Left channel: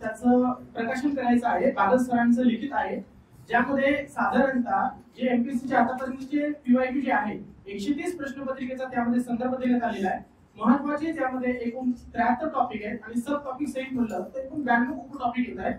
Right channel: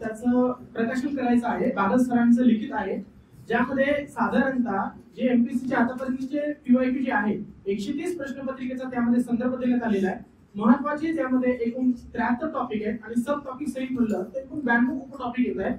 त्याचं प्रकाशन करायचं आहे. बागल सरांचं लिखित आहे, ज्यामध्ये साधारणतः जे एमपीएससीचे आतापर्यंतचे पीवायक्यू जे आहे 130 प्रश्नपत्रिकेचा त्यामध्ये संदर्भ देण्यात आलेला आहे. महत्वाचे त्यामध्ये एकूण 73 टॉपिक आहेत आणि सब टॉपिक सहित म्हणलं तर एकूण 92 उपटॉपिक येत आहेत.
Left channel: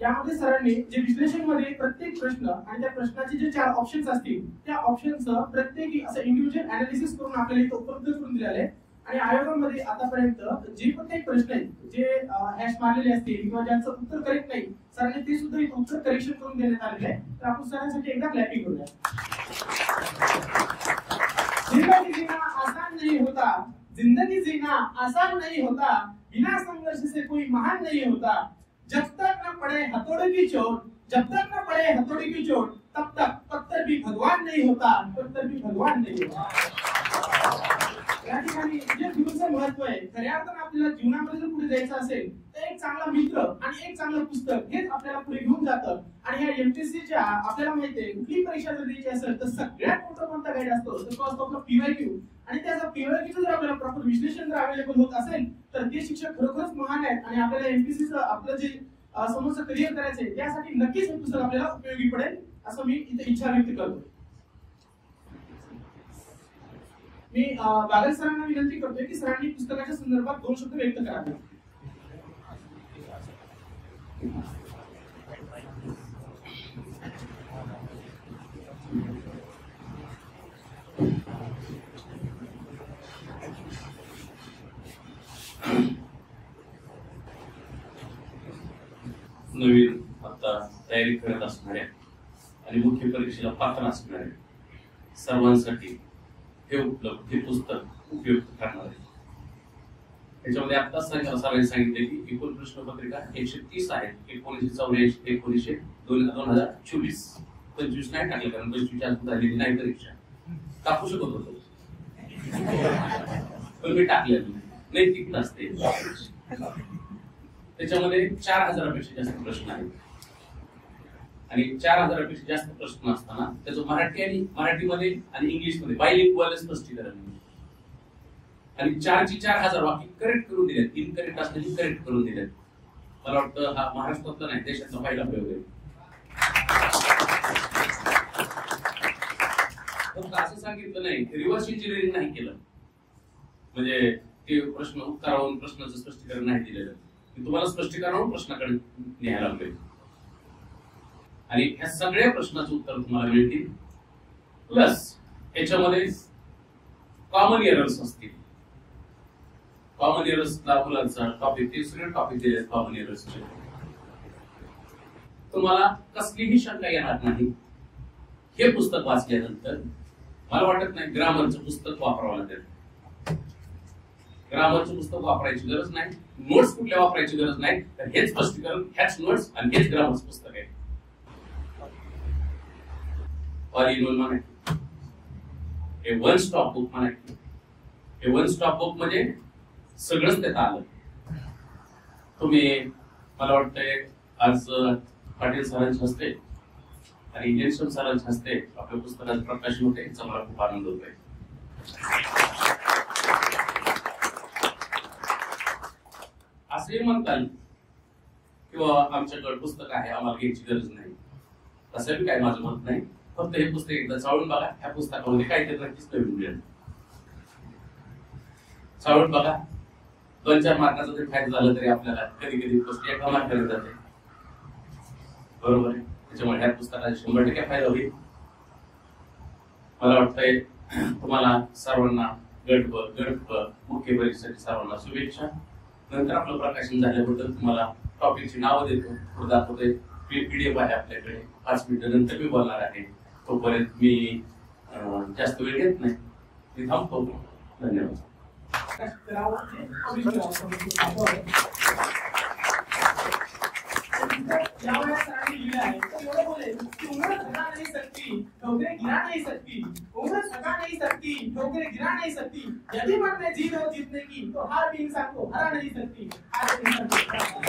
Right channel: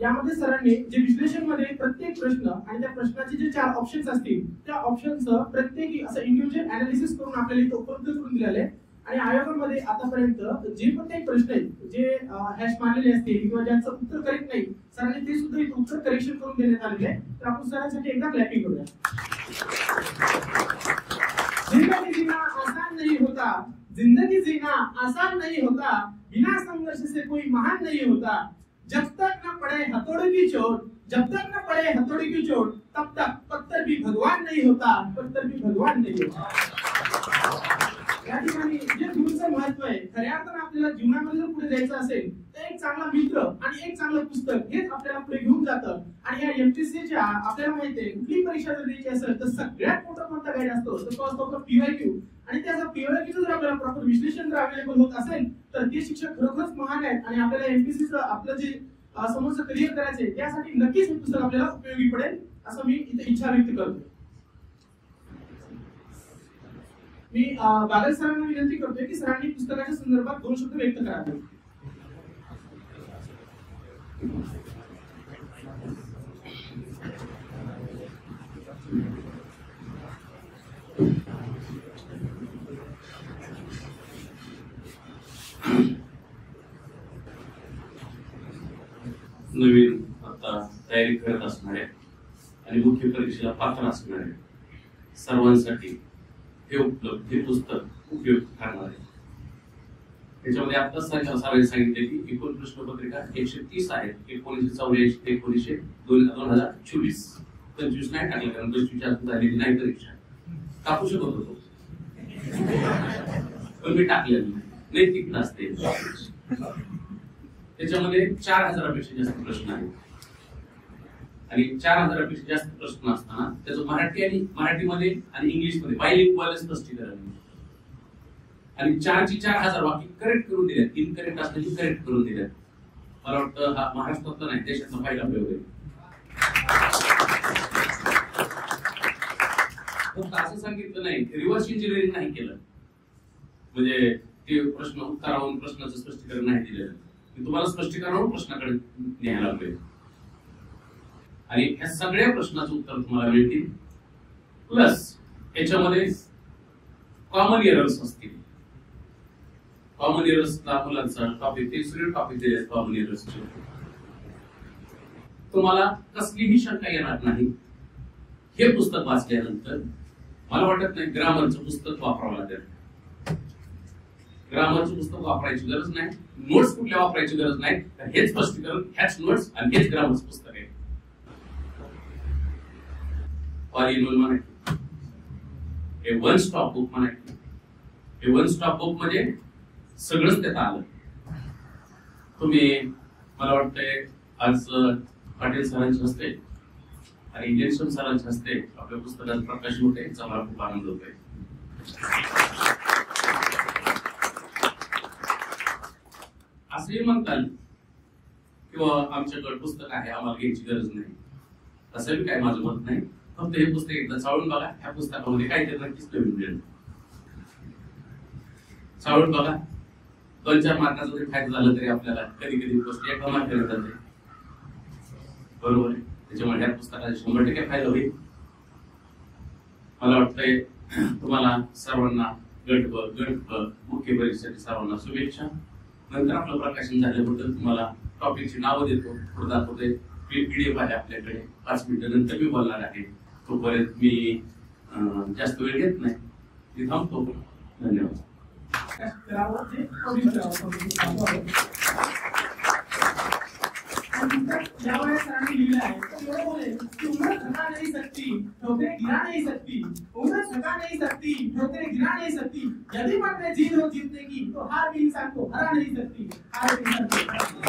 यामध्ये सरांनी जे विश्लेषण मध्ये प्रत्येक प्रश्न आणि त्या प्रश्नाचे जे 4 ऑप्शन्स असतील त्या ऑप्शनचं प्रत्येकी असं इंडिव्हिज्युअल अनालिसिस करून आपल्याला इथे उपलब्ध करून दिलेले आहे. आणि आयोगामध्ये आतापर्यंत जे प्रत्येक प्रश्न आहेत जे हॅश मारलेले असतील किंवा ज्यांचं उत्तर करेक्ट नाही सरांनी ते सुद्धा इथे उत्तर करेक्शन करून देण्यात आलेले आहे. तर आपण सरांसाठी एकदा क्लॅपिंग करूया. जिंदगी जीना आसान नहीं होता, जिंदगी जीना आसान नहीं होता, बिना संघर्ष से कोई महान नहीं होता, जब तक न पड़े हथौड़े की चोट, जब तक न पड़े हथौड़े की चोट तब तक पत्थर भी भगवान नहीं होता, पत्थर भी भगवान नहीं होता. या ठिकाणी जे गुरुचं महत्व आहे, खऱ्या अर्थाने आपल्याला जीवनामध्ये जर पुढे जायचं असेल तर एक चांगला मित्र आणि एक चांगलं पुस्तक हेच आपल्याला पुढे घेऊन जातं. आणि या एमपीएससीच्या आपल्याला माहिती आहे कुठली परीक्षा जर द्यायची असेल तर सगळ्यात मोठा कोणता गाईड असतो तर तो असतो आपला पीवायक्यू. आणि त्याचा पीवायक्यू जर आपल्याला प्रॉपर विश्लेषण जर अवेलेबल होत असेल तर ते शिक्षक खरोखरच महान आहेत. आणि आपल्याला एमपीएससीचं आपलं जे समोरचं करिअर करायचंय त्यासाठी नक्कीच हे पुस्तक आपल्याला उपयोगी पडेल असं मी इथे इच्छा व्यक्त करतो. मी बागल सरांना विनंती करतोय की सरांनी पुस्तकाच्या संदर्भात 2 शब्द व्यक्त करावे. नवीन आता तयारी करत असणाऱ्या आणि मुख्य परीक्षेला पात्र असणाऱ्या सर्वांसाठी हे पुस्तक उपयुक्त ठरणार आहे. त्याच्यामध्ये आता सरांनी सांगितले की एकूण प्रश्नपत्रिका 130 आहेत. 1984 ते 2024 25 नाही टाकले कारण 25 अजून झालेली नाही परीक्षा. टाकू शकत होतो पण मी टाकलेलं नाही. नैतिकता असते. त्याच्यामध्ये 4000पेक्षा जास्त प्रश्न आहेत आणि 4000पेक्षा जास्त प्रश्न असताना त्याचं मराठीमध्ये आणि इंग्लिशमध्ये बायलिंग्वल स्पष्टीकरण आणि 4000 वाक्य करेक्ट करून दिलेत. इनकरेक्ट असल्याची करेक्ट करून दिलेत. मला वाटतं हा महाराष्ट्रातला नाही देशातला पहिला प्रयोग आहे. फक्त असं सांगितलं नाही रिव्हर्स इंजिनिअरिंग नाही केलं म्हणजे ते प्रश्न उत्तरावरून प्रश्नाचं स्पष्टीकरण नाही दिलेलं. तुम्हाला स्पष्टीकरण प्रश्नाकडे न्यायला लागेल आणि ह्या सगळ्या प्रश्नाचं उत्तर तुम्हाला मिळतील. प्लस याच्यामध्ये कॉमन एरर्स असतील. कॉमन एरर्सला मुलांचा टॉपिक ते सगळे टॉपिक दिले कॉमन एरर्सचे. तुम्हाला कसलीही शंका येणार नाही. हे पुस्तक वाचल्यानंतर मला वाटत नाही ग्रामरचं पुस्तक वापरावं लागेल. ग्रामरचं पुस्तक वापरायची गरज नाही. नोट्स कुठल्या वापरायची गरज नाही. तर हेच स्पष्टीकरण ह्याच नोट्स आणि हेच ग्रामरचं पुस्तक आहे. ऑल इन वन म्हणायचं. हे वन स्टॉप बुक म्हणायचं. हे वन स्टॉप बुक म्हणजे सगळंच त्यात आलं. तुम्ही मला वाटतंय आज पाटील सरांच्या हस्ते आणि इंजेक्शन सरांच्या हस्ते आपल्या पुस्तकाचं प्रकाशन होते. याचा मला खूप आनंद होतोय. असंही म्हणताल किंवा आमच्याकडे पुस्तक आहे आम्हाला घ्यायची गरज नाही असं बी काय माझं मत नाही. फक्त हे पुस्तक एकदा चाळून बघा. ह्या पुस्तकामध्ये काहीतरी नक्कीच नवीन मिळेल. चाळून बघा. 2-4 मार्काचं जरी फायदा झालं तरी आपल्याला कधी कधी गोष्टी एका मार्काने जाते. बरोबर आहे. त्याच्यामुळे ह्या पुस्तकाचा 100% फायदा होईल. मला वाटतंय तुम्हाला सर्वांना गट मुख्य परीक्षेसाठी सर्वांना शुभेच्छा. नंतर आपलं प्रकाशन झाल्याबद्दल तुम्हाला टॉपिकची नावं देतो. पुढे दाखवतोय. पीडीएफ आहे आपल्याकडे. 5 मिनिटं नंतर मी बोलणार आहे. तोपर्यंत मी जास्त वेळ घेत नाही. मी थांबतो. धन्यवाद. उम्र थका नहीं सकती, ठोकरें गिरा नहीं सकती. उम्र थका नहीं सकती, ठोकरें गिरा नहीं सकती. यदि मन में जीत हो जीतने की तो हार भी इंसान को हरा नहीं सकती. हार भी इंसान को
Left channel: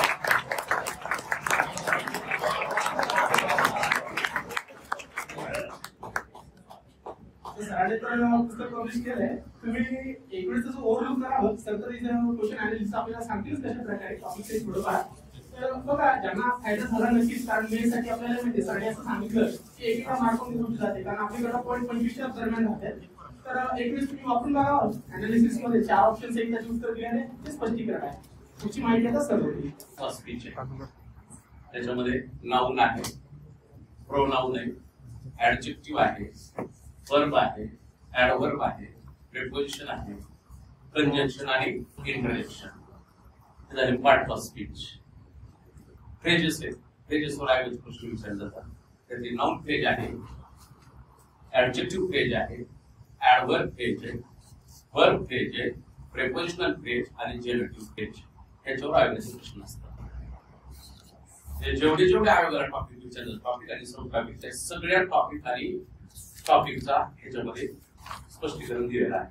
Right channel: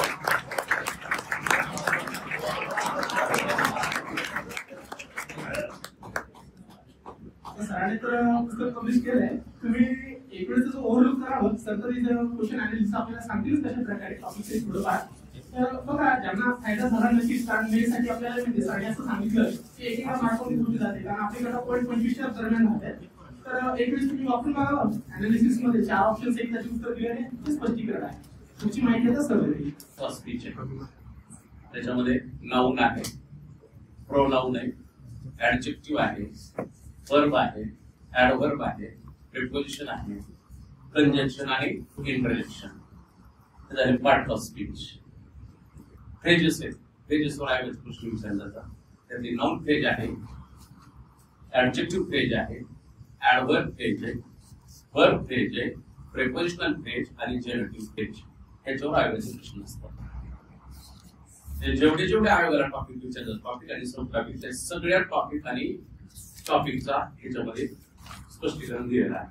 सरांनी तर पुस्तक पब्लिश केलंय. तुम्ही एक वेळेस ओव्हरलुक करा. सर तर क्वेश्चन अनालिसिस आपल्याला सांगतील कशा प्रकारे टॉपिक थोडंफार तर बघा ज्यांना फायदा झाला नक्कीच, कारण मे साठी आपल्याला माहिती सरांनी असं सांगितलं की एकेका मार्कवरून होती जाते, कारण आपल्याकडे पॉईंट 25च्या दरम्यान राहते. तर एक वेळेस तुम्ही वापरून बघा. अनालिसिस मध्ये 4 ऑप्शन्स एक त्याचे उत्तर दिले आहे, ते स्पष्टीकरण आहे. तुमची माहिती आता सर्व फर्स्ट स्पीच आहे, त्याच्यामध्ये नाउन आहे, प्रोनाउन आहे, ऍडजेक्टिव्ह आहे, वर्ब आहे, ऍडव्हर्ब आहे, प्रिपोजिशन आहे, कंजंक्शन आहे, इंटरजेक्शन. हे झाले पार्ट ऑफ स्पीच. फ्रेजेस आहेत, फ्रेजेसवर आहे प्रश्न विचारले जातात. त्यातली नाउन फ्रेज आहे, ऍडजेक्टिव्ह फ्रेज आहे, ऍडव्हर्ब फ्रेज आहे, वर्ब फ्रेज आहे, प्रिपोजिशनल फ्रेज आणि जेनेटिव्ह फ्रेज. याच्यावर आयोगाचे प्रश्न असतात. जेवढे आयोगाला टॉपिक विचारतात, टॉपिक आणि सब टॉपिक, त्या सगळ्या टॉपिक आणि टॉपिकचा ह्याच्यामध्ये स्पष्टीकरण दिलेलं आहे.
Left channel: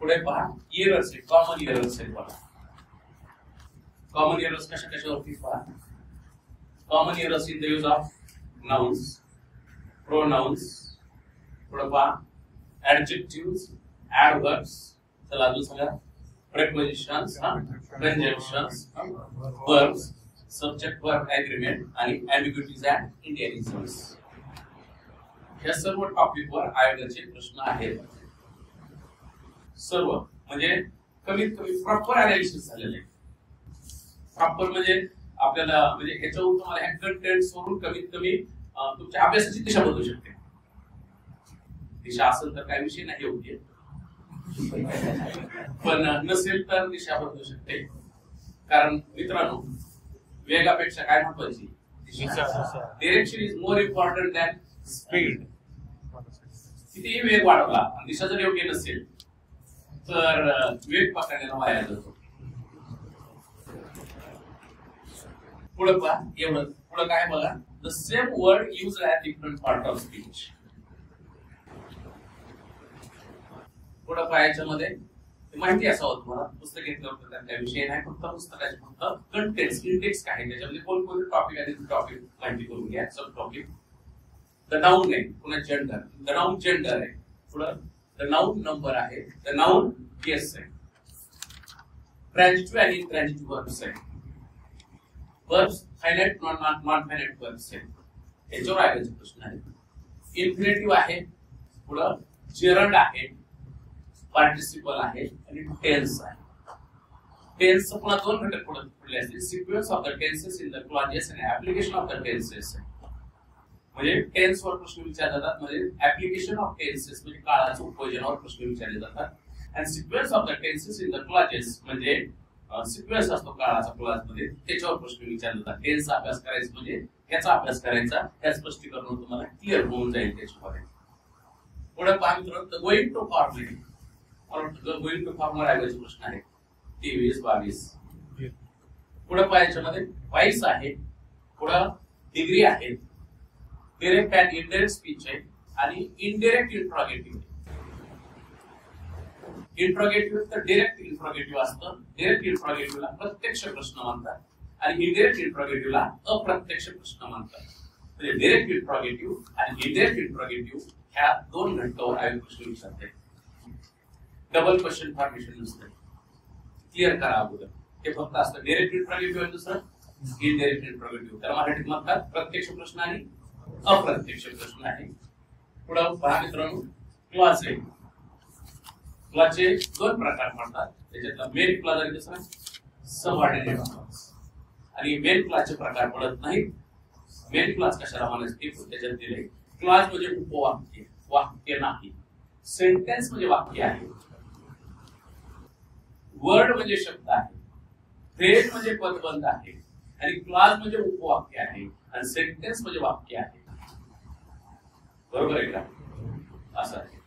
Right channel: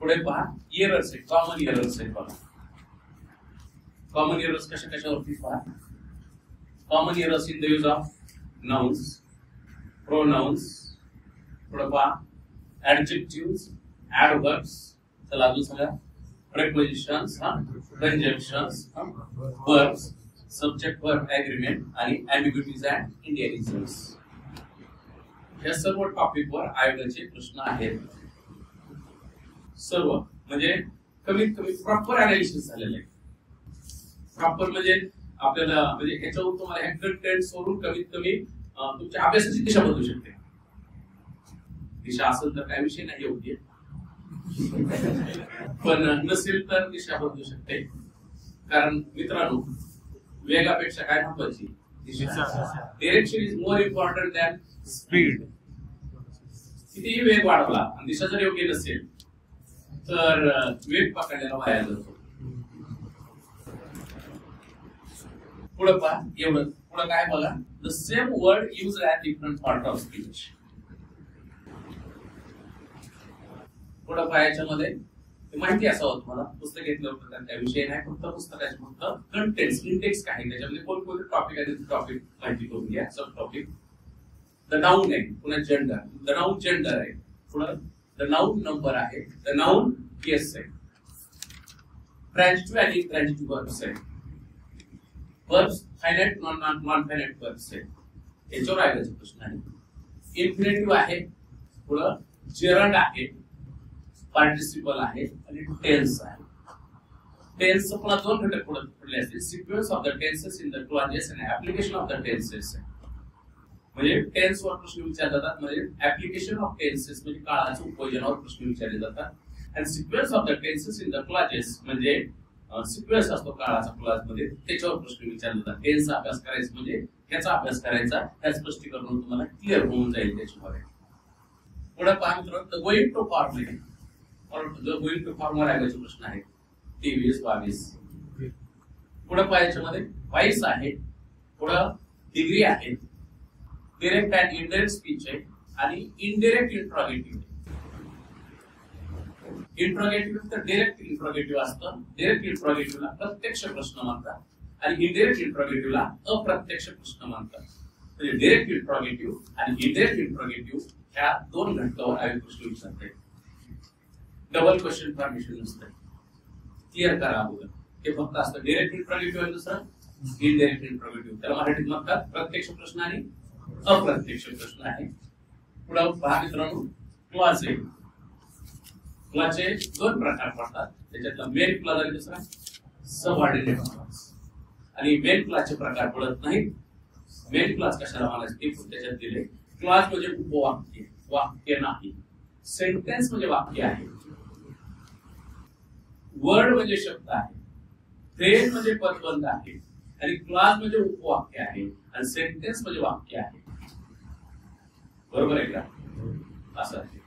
पुढे पहा, एरर्स आहे, कॉमन एरर्स आहे. बघा कॉमन एरर्स कशावरती पहा. Common errors in the use of nouns, pronounce, पुढे पहा ऍडजेक्टिव्हज, ऍडव्हर्ब्स, चला अजून सांगा, prepositions, conjunctions, verbs, subject verb agreement आणि एम्बिग्युइटीज अँड इंडियनिझम्स. या सर्व टॉपिकवर आयोगाचे प्रश्न आहेत. सर्व म्हणजे कमीत कमी प्रॉपर अनालिसिस झालेलं आहे. प्रॉपर म्हणजे आपल्याला म्हणजे ह्याच्यावरून तुम्हाला ह्या कंटेंट्स वरून कमीत कमी तुमच्या अभ्यासाची दिशा बदलू शकते. दिशा असेल तर काही विषय नाही योग्य, पण नसेल तर दिशा बदलू शकते. कारण मित्रांनो, वेगापेक्षा काय महत्वाची दिशा. Direction is more important than speed. कितीही वेग वाढवला आणि दिशा जर योग्य नसेल तर वेग पकडण्याला वाया जातो. पुढे पहा, एवढं पुढे काय बघा, the same word use at different part of speech. पुढे पहा, याच्यामध्ये माहिती असावं तुम्हाला. पुस्तक घेतलं होतं त्यात काही विषय नाही, फक्त पुस्तकाचे फक्त कंटेंट्स, इंडेक्स काय त्याच्यामध्ये कोणकोणते टॉपिक आहे ते टॉपिक माहिती करून घ्या. सब टॉपिक. द नाउन आहे, पुन्हा जेंडर, द नाउन जेंडर आहे, पुढं द नाउन नंबर आहे, द नाउन केस आहे, ट्रान्झिटिव्ह आणि इंट्रान्झिटिव्ह वर्ब्स आहे, verbs finite non finite verbs आहे. याच्यावर आयोगाचे प्रश्न आहे. इन्फिनिटिव्ह आहे, पुढं जेरंड आहे, पार्टिसिपल आहे आणि टेन्स आहे. टेन्स पुन्हा 2 घटक पडले असतील, sequence of the tenses in the clauses आणि ऍप्लिकेशन ऑफ द टेन्सेस. म्हणजे टेन्स वर प्रश्न विचारले जातात, म्हणजे ऍप्लिकेशन ऑफ टेन्सेस म्हणजे काळाच्या उपयोजनावर प्रश्न विचारले जातात. आणि sequence of the tenses in the clauses म्हणजे सिक्वेन्स असतो काळाचा क्लॉज मध्ये, त्याच्यावर प्रश्न विचारले जातात. टेन्सचा अभ्यास करायचा म्हणजे त्याचा अभ्यास करायचा, त्या स्पष्टीकरण तुम्हाला क्लिअर होऊन जाईल त्याच्यामध्ये. पुढे पहा मित्रांनो, गोइंग टू फॉर्म आहे, गोइंग टू फॉर्मवर आयोगाचे प्रश्न आहेत 23, 22. पुढे पहा, याच्यामध्ये वाईस आहे, पुढे डिग्री आहे, डिरेक्ट अँड इनडायरेक्ट स्पीच आहे आणि इनडायरेक्ट इंट्रॉगेटिव्ह. इंट्रॉगेटिव्ह तर डिरेक्ट इंट्रॉगेटिव्ह असतं. डिरेक्ट इंट्रॉगेटिव्हला प्रत्यक्ष प्रश्न म्हणतात आणि इनडायरेक्ट इंट्रॉगेटिव्हला अप्रत्यक्ष प्रश्न म्हणतात. म्हणजे डिरेक्ट इंट्रॉगेटिव्ह आणि इनडायरेक्ट इंट्रॉगेटिव्ह ह्या 2 घटकावर आयोग प्रश्न विचारते. डबल क्वेश्चन फॉर्मेशन नसतं, क्लिअर करा अगोदर. हे फक्त असतं डायरेक्ट इंट्रॉगेटिव्ह आणि दुसरं इनडायरेक्ट इंट्रॉगेटिव्ह. त्याला मराठीत म्हणतात प्रत्यक्ष प्रश्न आणि अप्रत्यक्ष प्रश्न आहे. पुढे पहा मित्रांनो, क्लॉज आहे. क्लॉजचे 2 प्रकार पडतात, त्याच्यातला मेन क्लॉज आणि दुसरा सबऑर्डिनेट क्लॉज. आणि मेन क्लॉजचे प्रकार पडत नाहीत. मेन क्लॉज कशाला म्हणायचं ते त्याच्यात दिले. क्लॉज म्हणजे उपवाक्य, वाक्य नाही. सेंटेन्स म्हणजे वाक्य आहे. वर्ड म्हणजे शब्द आहे. फ्रेज म्हणजे पदबंध आहे. आणि क्लॉज म्हणजे उपवाक्य आहे आणि सेंटेन्स म्हणजे वाक्य आहे. बरोबर आहे का? असं आहे.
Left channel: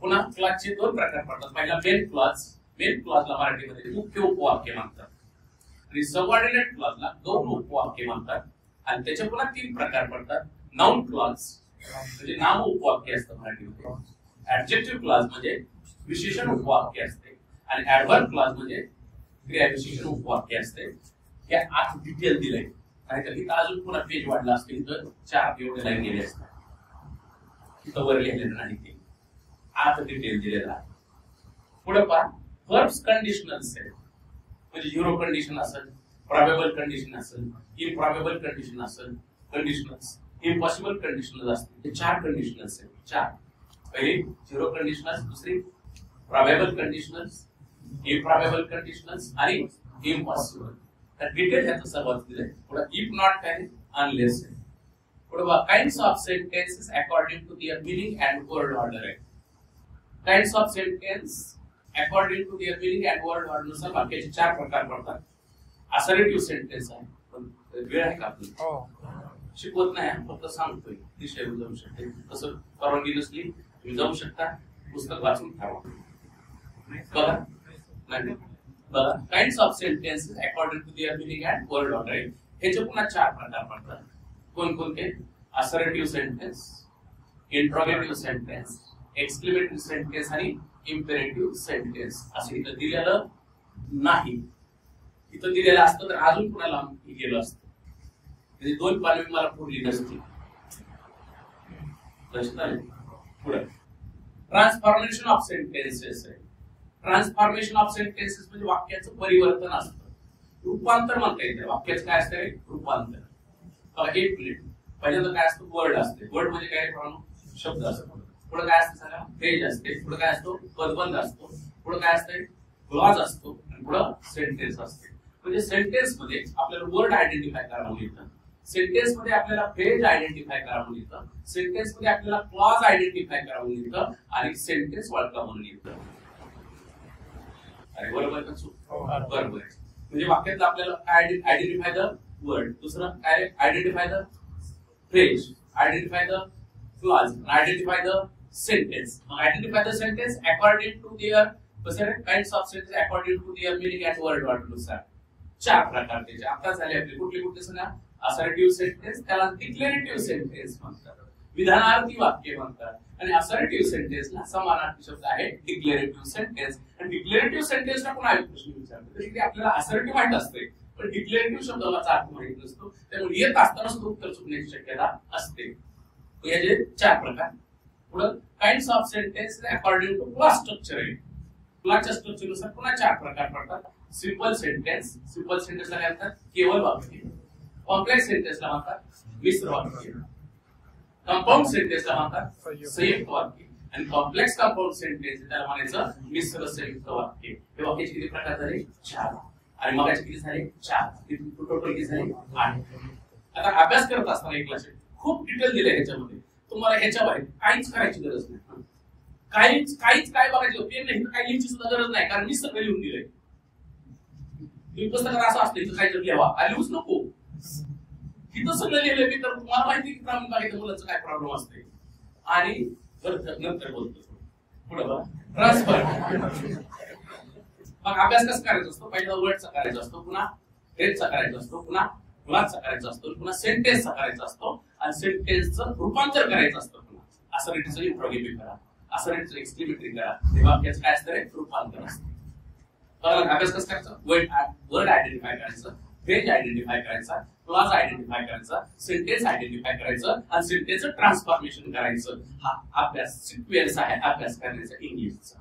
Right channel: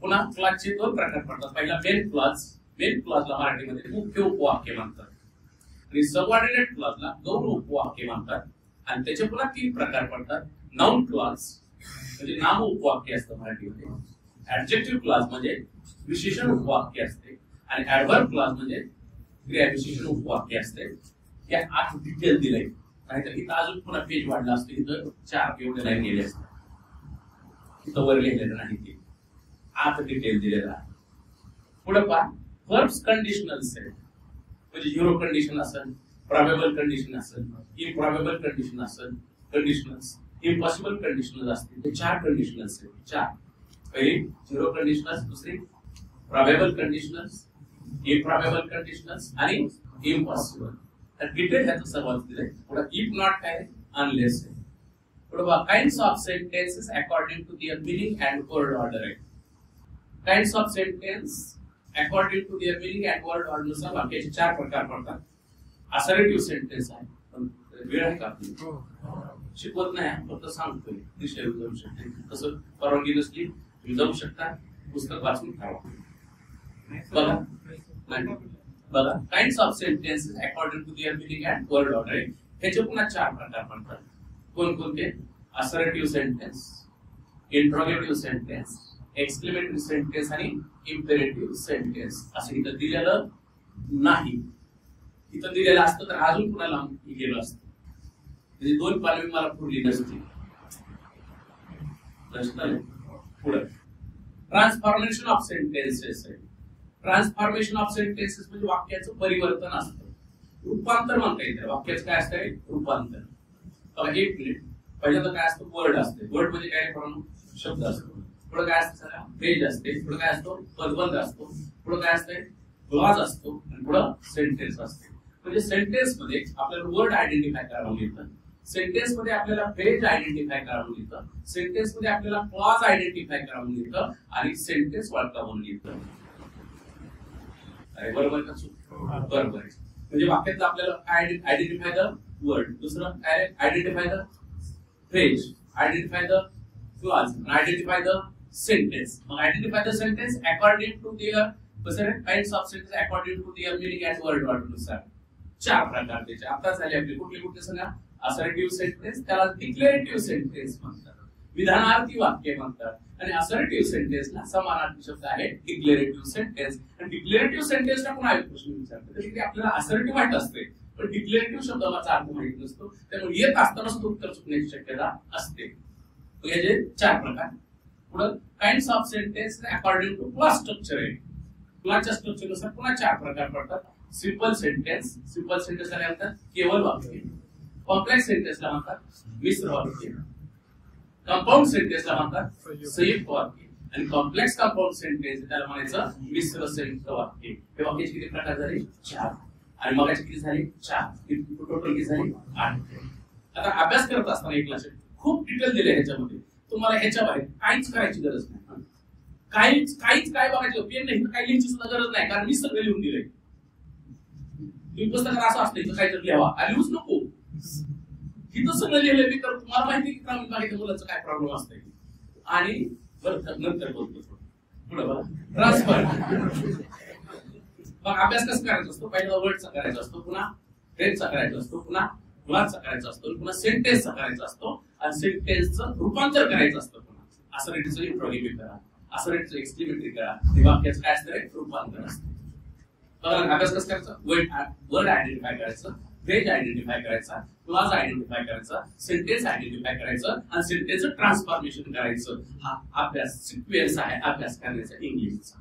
पुन्हा क्लॉजचे 2 प्रकार पडतात. पहिला मेन क्लॉज. मेन क्लॉजला मराठीमध्ये मुख्य उपवाक्य म्हणतात आणि सबऑर्डिनेट क्लॉजला गौण उपवाक्य म्हणतात. आणि त्याचे पुन्हा 3 प्रकार पडतात. नाउन क्लॉज म्हणजे नाम उपवाक्य असतं मराठीमध्ये. ऍडजेक्टिव्ह क्लॉज म्हणजे विशेषण उपवाक्य असते आणि ऍडव्हर्ब क्लॉज म्हणजे क्रियाविशेषण उपवाक्य असते. या 8 डिटेल दिलंय. नाहीतर इथं अजून पुन्हा पेज वाढला असतो. इथं 4 एवढे लाईन गेले असतात. इथं वर लिहिलेलं नाही ते 8 डिटेल दिलेलं आहे. पुढे पहा, वर्ब्स कंडिशनल्स आहेत म्हणजे झिरो कंडिशन असेल, प्रॉबेबल कंडिशन असेल, इम्प्रॉबेबल कंडिशन असेल, कंडिशनल्स, इम्पॉसिबल कंडिशनल्स असतील. ते 4 कंडिशनल्स आहेत. 4. पहिली 0 कंडिशनल्स, दुसरी प्रॉबेबल कंडिशनल्स, इम्प्रॉबेबल कंडिशनल्स आणि इम्पॉसिबल. तर डिटेल ह्याचं सर्वात दिलंय. पुढे इफ नॉट काय, अनलेस आहे. पुढे kinds of sentences according to their meaning and word order आहे. Kinds of sentence according to their meaning and word order नुसार वाक्याचे 4 प्रकार पडतात. असर्टिव्ह सेंटेन्स आहे. पण वेळ आहे का आपली? शिकवत नाही, फक्त सांगतोय. दिशा जाऊ शकते. तसं परवानगी नसली तुम्ही जाऊ शकता, पुस्तक वाचून ठेवा. बघा नाही बघा, kinds of sentences according to their meaning and word order आहे. ह्याचे पुन्हा 4 प्रकार पडतात. कोणकोणते? Assertive sentence, interrogative sentence, exclamatory sentence आणि इम्पेरेटिव्ह सेंटेन्स. असं इथं दिलेलं नाही. इथं दिलेलं असतं तर अजून कुणाला गेलं असतं. म्हणजे 2 पालवी मला पुरली नसती. पुढे ट्रान्सफॉर्मेशन ऑफ सेंटेन्सेस आहे. ट्रान्सफॉर्मेशन ऑफ सेंटेन्सेस म्हणजे वाक्याचं परिवर्तन असतं. रूपांतर म्हणता येते. वाक्याचं काय असतं? रूपांतर. बघा, एक मिनिट. पहिल्यांदा काय असतं? वर्ड असते. वर्ड म्हणजे काय? शब्द असतो. पुढे काय असतं? सगळा पेज असते. पुढे काय असतो? पदबंध असतो. पुढे काय असते? क्लॉज असतो. आणि पुढे सेंटेन्स असते. म्हणजे सेंटेन्स मध्ये आपल्याला वर्ड आयडेंटिफाय करावं लागतं. सेंटेन्स मध्ये आपल्याला फ्रेज आयडेंटिफाय करावं लागतं. सेंटेन्स मध्ये आपल्याला क्लॉज आयडेंटिफाय करावं लागतं आणि सेंटेन्स ओळखावं लागतं. अरे बरोबर का चूक? बरोबर आहे. म्हणजे वाक्यातलं आपल्याला आयडेंटिफाय द वर्ड, दुसरं काय? Identify the phrase, identify the clause, identify the sentence. मग identify the sentence according to their kinds of sentence according to their meaning and word order नुसार 4 प्रकार त्याचे. आता झाले आपले कुठले सांगा? असर्टिव्ह सेंटेन्स, त्याला डिक्लेरेटिव्ह सेंटेन्स म्हणतात. विधानार्थी वाक्य म्हणतात. आणि असर्टिव्ह सेंटेन्सला समानार्थी शब्द आहे डिक्लेरेटिव्ह सेंटेन्स. आणि डिक्लेरेटिव्ह सेंटेन्सला पण एक प्रश्न विचारतो की आपल्याला असर्टिव्ह माहित असते पण डिक्लेरेटिव्ह शब्दाचा अर्थ माहित नसतो. त्यामुळे येत असताना सुद्धा उत्तर चुकण्याची शक्यता असते. याचे 4 प्रकार. पुढे kinds of sentence according to class structure आहे. क्लासच्या स्ट्रक्चरनुसार पुन्हा 4 प्रकार पडतात. सिंपल सेंटेन्स, सिंपल सेंटेन्सला काय म्हणतात? केवळ वाक्य. कॉम्प्लेक्स सेंटेन्सला म्हणतात मिश्र वाक्य. कंपाऊंड सेंटेन्सला म्हणतात संयुक्त वाक्य. आणि कॉम्प्लेक्स कंपाऊंड सेंटेन्स त्याला म्हणायचं मिश्र संयुक्त वाक्य. हे वाक्याचे किती प्रकार झाले? 4. आणि मगाचे किती झाले? 4. टोटल किती झाले? 8. आता अभ्यास करत असताना एक क्लास खूप डिटेल दिले ह्याच्यामध्ये. तुम्हाला ह्याच्या बाहेर काहीच करायची गरज नाही. काहीच काय बघायचं पेन नाही, काही लिहायची सुद्धा गरज नाही, कारण मी सगळं लिहून दिलंय. तुम्ही पुस्तकात असं असतं इथं काहीतरी लिहावा, लिहूच नको. इथं सगळं लिहिलंय मी, तर तुम्हाला माहिती की ग्रामीण भागातील मुलांचं काय प्रॉब्लेम असतंय. आणि बरं नंतर बोलतो. पुढे बघा, ट्रान्सफर. मग अभ्यास कसं करायचा असतो? पहिला वर्डचा करायचा असतो, पुन्हा फ्रेजचा करायचा असतो, पुन्हा क्लॉजचा करायचा असतो, पुन्हा सेंटेन्सचा करायचा असतो आणि सेंटेन्सचं रूपांतर करायचं असतं. पुन्हा असर्टिव्हचं इंट्रोगेटिव्ह करा, असर्टिव्हचं एक्सक्लेमेटरी करा. हे वाक्याचं काय असतं? रूपांतर असतं. अभ्यास कसं करायचा? वर्ड आयडेंटिफाय करायचं, फ्रेज आयडेंटिफाय करायचा, क्लॉज आयडेंटिफाय करायचा, सेंटेन्स आयडेंटिफाय करायचं आणि सेंटेन्सचं ट्रान्सफॉर्मेशन करायचं. हा अभ्यास सिक्वेन्स आहे अभ्यास करण्याचा इंग्लिशचा.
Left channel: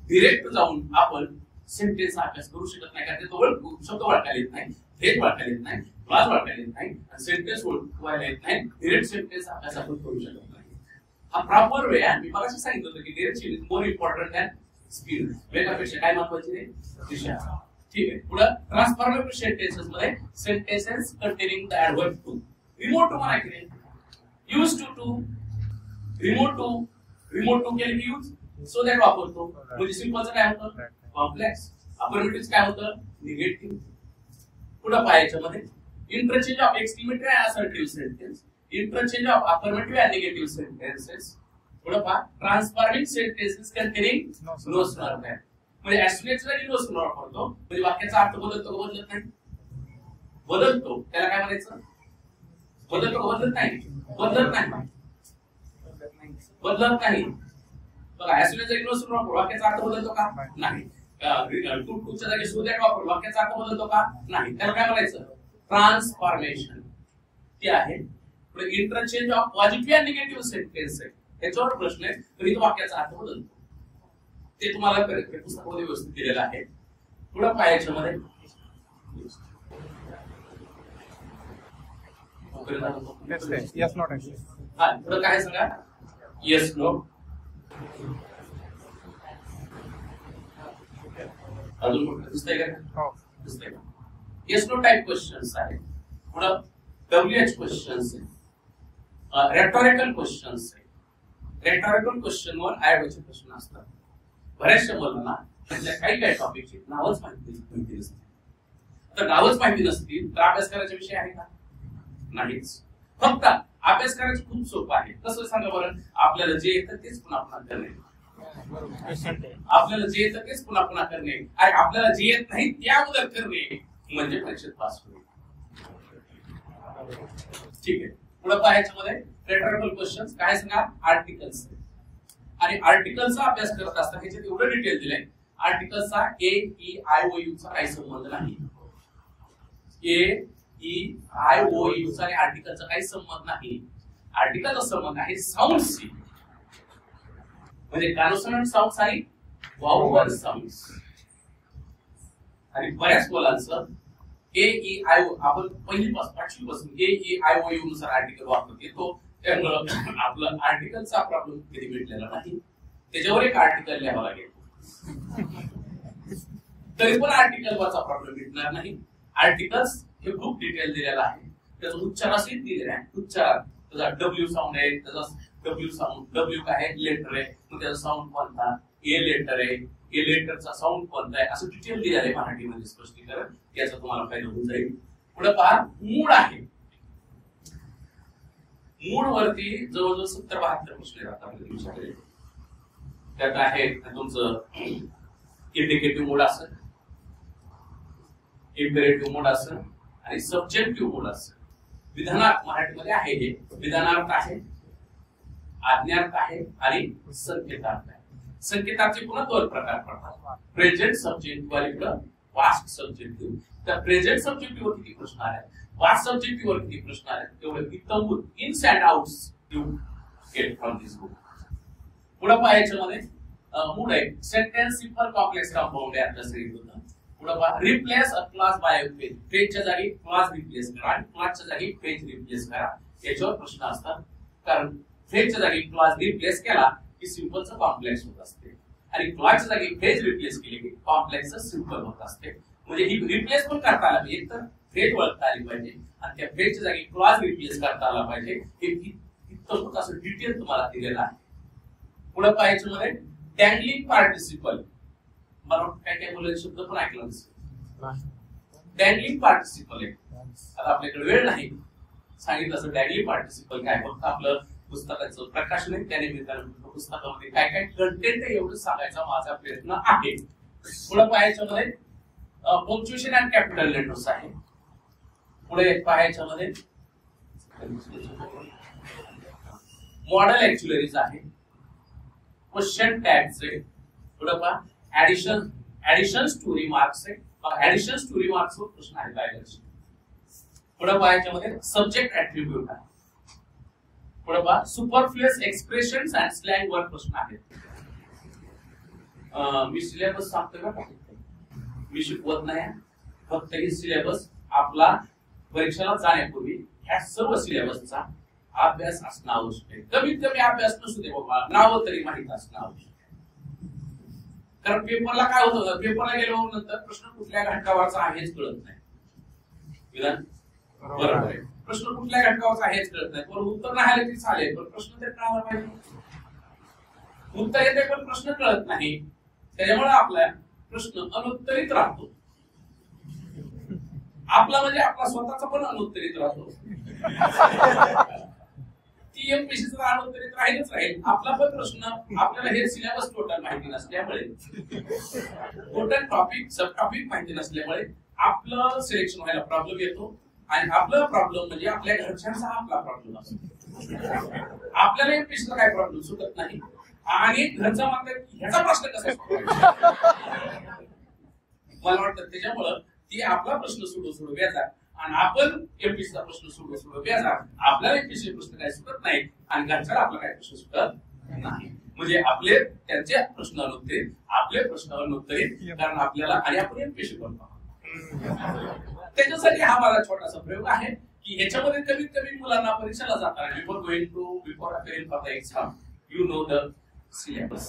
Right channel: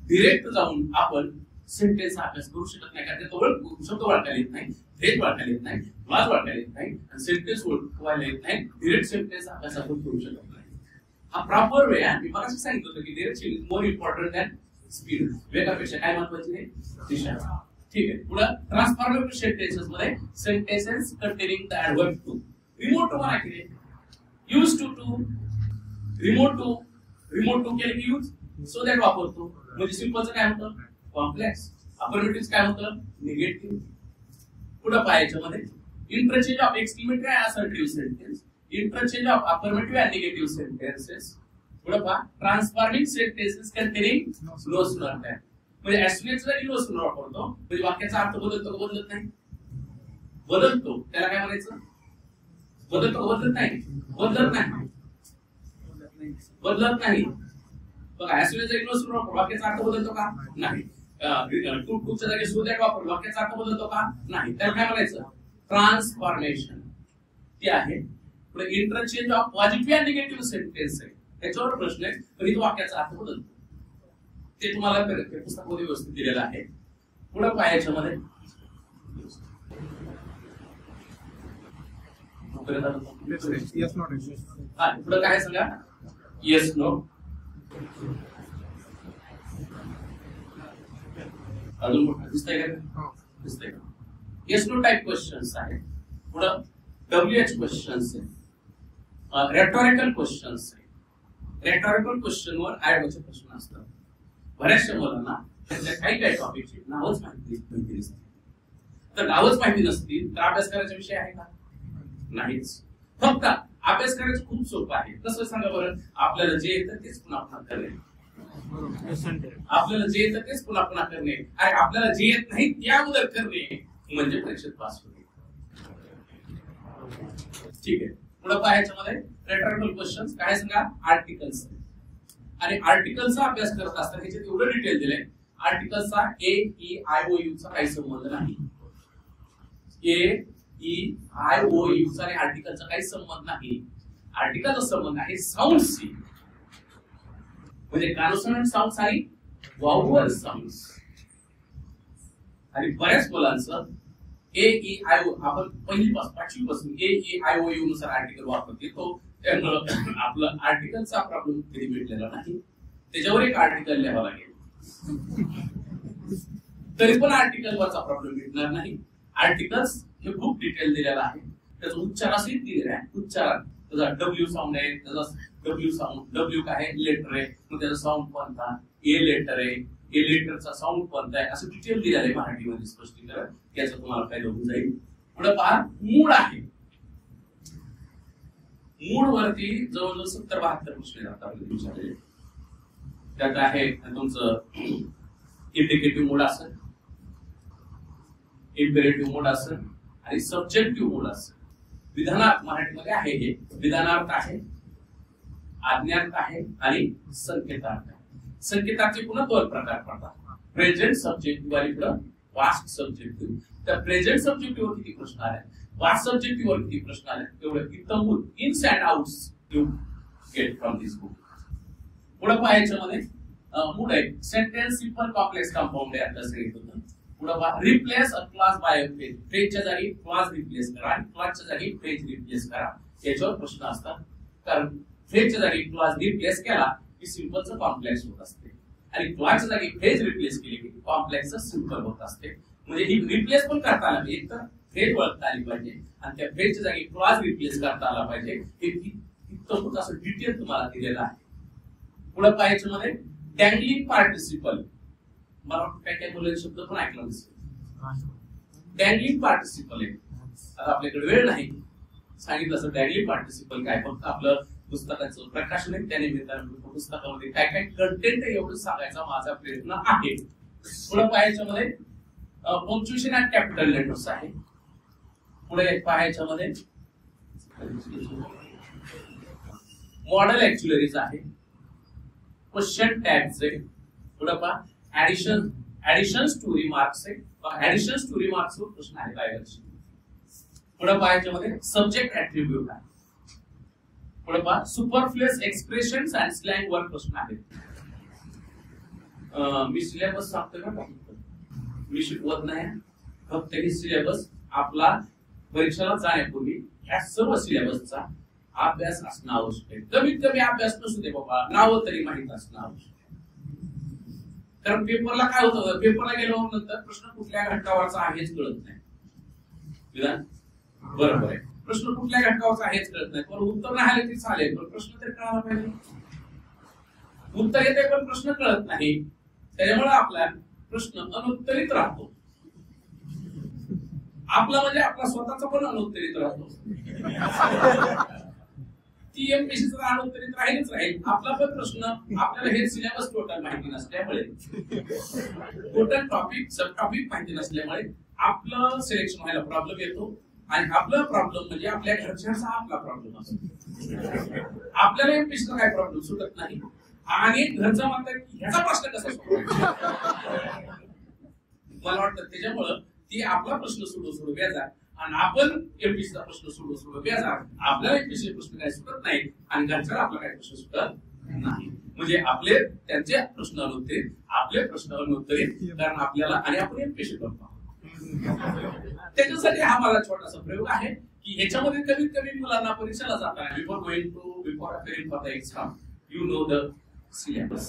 डिरेक्ट जाऊन आपण सेंटेन्सचा अभ्यास करू शकत नाही, कारण तो शब्द ओळखायला येत नाही, फ्रेज ओळखायला येत नाही, क्लॉज ओळखायला येत नाही आणि सेंटेन्स ओळखायला येत नाही. डिरेक्ट सेंटेन्स अभ्यास आपण करू शकत नाही. हा प्रॉपर वे आहे. मी मगाशी सांगितलं होतं की direct is more important than speed. वेगापेक्षा काय महत्वाची आहे? दिशा. ठीक आहे. पुढे ट्रान्सफॉर्मेटिव्ह सेंटेन्सेस मध्ये sentences containing the adverb too. Remote too म्हणा की यूज टू रिमोट टू केलं की यूज सो दॅट वापरतो. म्हणजे सिंपलचं काय होतं? कॉम्प्लेक्स. अफर्मेटिव्ह काय होतं? निगेटिव्ह. पुढे पाहायच्या मध्ये interchange of exclamatory and assertive sentence, interchange of affirmative and negative sentences. पुढे पहा ट्रान्सफॉर्मिंग सेंटेन्सेस कंटेनिंग नो स्लर दॅन. म्हणजे ऍस्ट्रोनेट जरी नो स्लर वापरतो म्हणजे वाक्याचा अर्थ बदलतो का? बदलत नाही. बदलतो त्याला काय म्हणायचं? बदलतो का? बदलत नाही. बदलत नाही. बघा ऍस्ट्रोनेट जरी नो स्लर वापरतो वाक्याचा अर्थ बदलतो का? नाही. टूच्या जागी सो दॅट वापरतो वाक्याचा अर्थ बदलतो का? नाही. त्याला काय म्हणायचं? ट्रान्सफॉर्मेशन. ती आहे. पुढे interchange of positive and negative sentence आहे. त्याच्यावर प्रश्न आहे पण इथं वाक्याचा अर्थ बदलतो. ते तुम्हाला पुस्तकामध्ये व्यवस्थित दिलेलं आहे. पुढे पाहायच्या मध्ये इथपर्यंत आलं. येस नो हा पुढे काय सांगा. Yes no. अजून कुठं दिसतंय का. दिसतंय का. येस नो टाइप क्वेश्चन्स आहे. पुढं WH क्वेश्चन्स आहे. रेटॉरिकल क्वेश्चन्स आहे. रेटॉरिकल क्वेश्चनवर आयोगाचे प्रश्न असतात. बऱ्याचशा मुलांना त्यातल्या काही टॉपिकची नावच माहिती नसते. तर नावच माहिती नसतील तर अभ्यास करायचा विषय आहे का. नाहीच. फक्त अभ्यास करायचं खूप सोपं आहे. कसं सांगा बरं. आपल्याला जे येतं तेच पुन्हा पुन्हा करणे. आपल्याला जे येतं तेच पुन्हा पुन्हा करणे आणि आपल्याला जे येत नाही ते अगोदर करणे म्हणजे परीक्षेत पास होणे. ठीक आहे. पुढे पाहायच्यामध्ये रेटॉरिकल क्वेश्चन्स काय सांगा. आर्टिकल्स आणि आर्टिकलचा अभ्यास करत असताना ह्याच्यात एवढं डिटेल दिलंय. आर्टिकलचा AEIOU चा काही संबंध नाही. AEIOU चा आणि आर्टिकलचा काही संबंध नाही. आर्टिकलचा संबंध आहे साऊंडशी. म्हणजे कॉन्सोनंट साऊंड्स आणि वाउअल साऊंड्स. आणि बऱ्याच मुलांचं AEIO आपण पाचवी पासून AEIOU नुसार आर्टिकल वापरत येतो. त्यामुळं आपलं आर्टिकलचा प्रॉब्लेम कधी भेटलेला नाही. त्याच्यावर एक आर्टिकल लिहावं लागेल तरी पण आर्टिकलवरचा प्रॉब्लेम भेटणार नाही. आर्टिकल्स हे खूप डिटेल दिलेला आहे. त्याचा उच्चार असेल दिलेला आहे. उच्चारात त्याचा W साऊंड आहे. त्याचा W साऊंड. W काय आहे. लेटर आहे. मग त्याचा साऊंड कोणता. A लेटर आहे. A लेटरचा साऊंड कोणता आहे असं डिटेल दिलेलं आहे मराठीमध्ये स्पष्टीकरण. याचा तुम्हाला फायदा होऊन जाईल. पुढे पहा मूड आहे. मूड वरती जवळजवळ 70-72 प्रश्न येतात आपल्या दिवसाकडे. त्यात आहे तुमचं इंडिकेटिव्ह मूड असेल, इम्पेरेटिव्ह मूड असेल आणि सब्जेक्टिव्ह मूड असेल. विधानार्थ मराठीमध्ये आहे हे. विधानार्थ आहे, आज्ञार्थ आहे आणि संकेतार्थ आहे. संकेताचे पुन्हा 2 प्रकार पडतात. प्रेझेंट सब्जेक्टिव्ह आणि पुढं पास्ट सब्जेक्टिव्ह. त्या प्रेझेंट सब्जेक्टिव्ह वर किती प्रश्न आले, पास्ट सब्जेक्टिव्ह वर किती प्रश्न आले तेवढे इतकं ins and outs you get from this book. पुढे पाहायच्यामध्ये मूड आहे. सेंटेन्स सिंपल कॉम्प्लेक्स कंपाऊंड आहे. आता सांगितलं होतं. पुढे पहा replace a clause by a phrase. फ्रेजच्या जागी क्लास रिप्लेस करा आणि क्लासच्या जागी फ्रेज रिप्लेस करा. याच्यावर प्रश्न असतात. कारण फ्रेजच्या जागी क्लास रिप्लेस केला की सिंपलचं कॉम्प्लेक्स होत असते आणि क्लासच्या जागी फ्रेज रिप्लेस केली की कॉम्प्लेक्सचं सिंपल होत असते. म्हणजे ही रिप्लेस पण करता आला पाहिजे. एक तर फ्रेज ओळखता आली पाहिजे आणि त्या फ्रेजच्या जागी क्लास रिप्लेस करता आला पाहिजे. हे इतकं असं डिटेल तुम्हाला दिलेलं आहे. पुढे पाहायचं मध्ये डॅंगलिंग पार्टिसिपल. मला काय काय बोलायचे शब्द पण ऐकला नसेल. डॅंगलिंग पार्टिसिपल आहे. आता आपल्याकडे वेळ नाही सांगितलं असं डॅंगलिंग पार्टिसिपल काय. फक्त आपलं पुस्तकाचं प्रकाशन आहे. त्यानिमित्तानं पुस्तकामध्ये काय काय कंटेंट आहे एवढं सांगायचा माझा प्रयत्न आहे. पुढे पाहायच्या मध्ये पंक्च्युएशन अँड कॅपिटल लेटर्स आहे. पुढे पाहायच्या मध्ये मॉडेल ऍक्च्युलरीज आहे. क्वेश्चन टॅग्स आहे. पुढे पहा ऍडिशन्स टू रिमार्क्स आहे. ऍडिशन्स टू रिमार्क्स वर प्रश्न आहे डायव्हर्जन. पुढे पाहायच्या मध्ये सब्जेक्ट ऍट्रिब्यूट आहे. पुढे पहा सुपरफ्लुअस एक्सप्रेशन्स अँड स्लँग वर प्रश्न आहेत. मी सिलेबस सांगतो का. मी शिकवत नाही. फक्त हे सिलेबस आपला परीक्षेला जाण्यापूर्वी ह्या सर्व सिलेबसचा अभ्यास असणं आवश्यक आहे. कमीत कमी अभ्यास नसू दे बाबा, नाव तरी माहित असणं आवश्यक आहे. कारण पेपरला काय होतं, पेपरला गेल्यावर नंतर प्रश्न कुठल्या घटकावरचा आहेच कळत नाही. विधान बरोबर आहे. प्रश्न कुठल्या घटकावरचा आहेच कळत नाही. पण उत्तर नाही आले तरी चालेल, पण प्रश्न तरी कळायला पाहिजे. उत्तर येते पण प्रश्न कळत नाही. त्याच्यामुळे आपला प्रश्न अनुत्तरित राहतो. आपला म्हणजे आपला स्वतःचा पण अनुत्तरित राहतो. ती एमपीसीचा अनुत्तरित राहीलच राहील. आपला पण प्रश्न आपल्याला हे सिलेबस टोटल माहिती नसल्यामुळे, टोटल टॉपिक सब टॉपिक माहिती नसल्यामुळे आपलं सिलेक्शन व्हायला प्रॉब्लेम येतो. आणि आपला प्रॉब्लेम म्हणजे आपल्या घरच्यांचा आपला प्रॉब्लेम असतो. आपल्याला एमपीसीचा काय प्रॉब्लेम सुटत नाही आणि घरचा म्हणतात ह्याचा प्रश्न कसा सोडवायचा. मला वाटतं त्याच्यामुळं ती आपला प्रश्न सोडू व्याजा आणि आपण एमपीसीचा प्रश्न सोडू व्याजा. आपल्याला एमपीसी प्रश्न काय सुटत नाही आणि घरच्याला आपला काय प्रश्न सुटत नाही. म्हणजे आपले त्यांचे प्रश्न अनुत्तरित, आपले प्रश्न अनुत्तरित, कारण आपल्याला आणि आपण एमपीसी करतो. त्याच्यासाठी हा माझा छोटासा प्रयोग आहे की ह्याच्यामध्ये कमीत कमी मुलांना परीक्षेला जाताना before appearing for the exam you know the syllabus.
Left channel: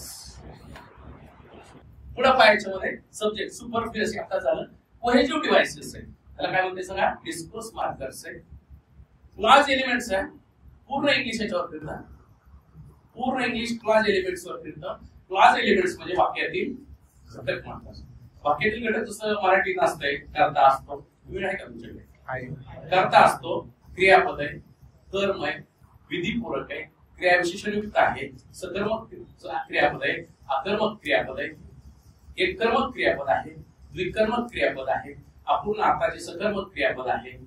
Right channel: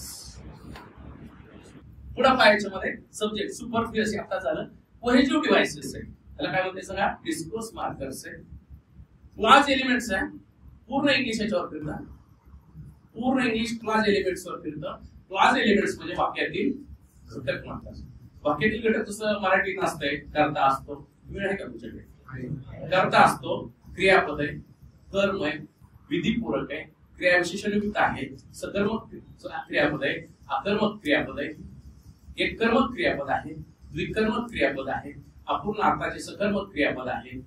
पुढे पाहायच्या मध्ये सब्जेक्ट सुपरफ्लुअस आता झालं. कोहेजिव्ह डिव्हाइसेस आहे, त्याला काय म्हणते सांगा, डिस्कोर्स मार्कर्स आहे. क्लास एलिमेंट्स आहे, पूर्ण इंग्लिश याच्यावर फिरतात, पूर्ण इंग्लिश क्लास एलिमेंट्स वर फिरतं. क्लास एलिमेंट्स म्हणजे वाक्यातील घटक म्हणतात. वाक्यातील घटक जसं मराठीत असतंय, कर्ता असतो, वेळ आहे का तुमच्याकडे? कर्ता असतो, क्रियापद आहे, कर्म आहे, विधिपूरक आहे, क्रियाविशेषणयुक्त आहे, सकर्मक क्रियापद आहे, अकर्मक क्रियापद आहे, एककर्मक क्रियापद आहे, द्विकर्मक क्रियापद आहे, अपूर्ण अर्थाचे सकर्मक क्रियापद आहे,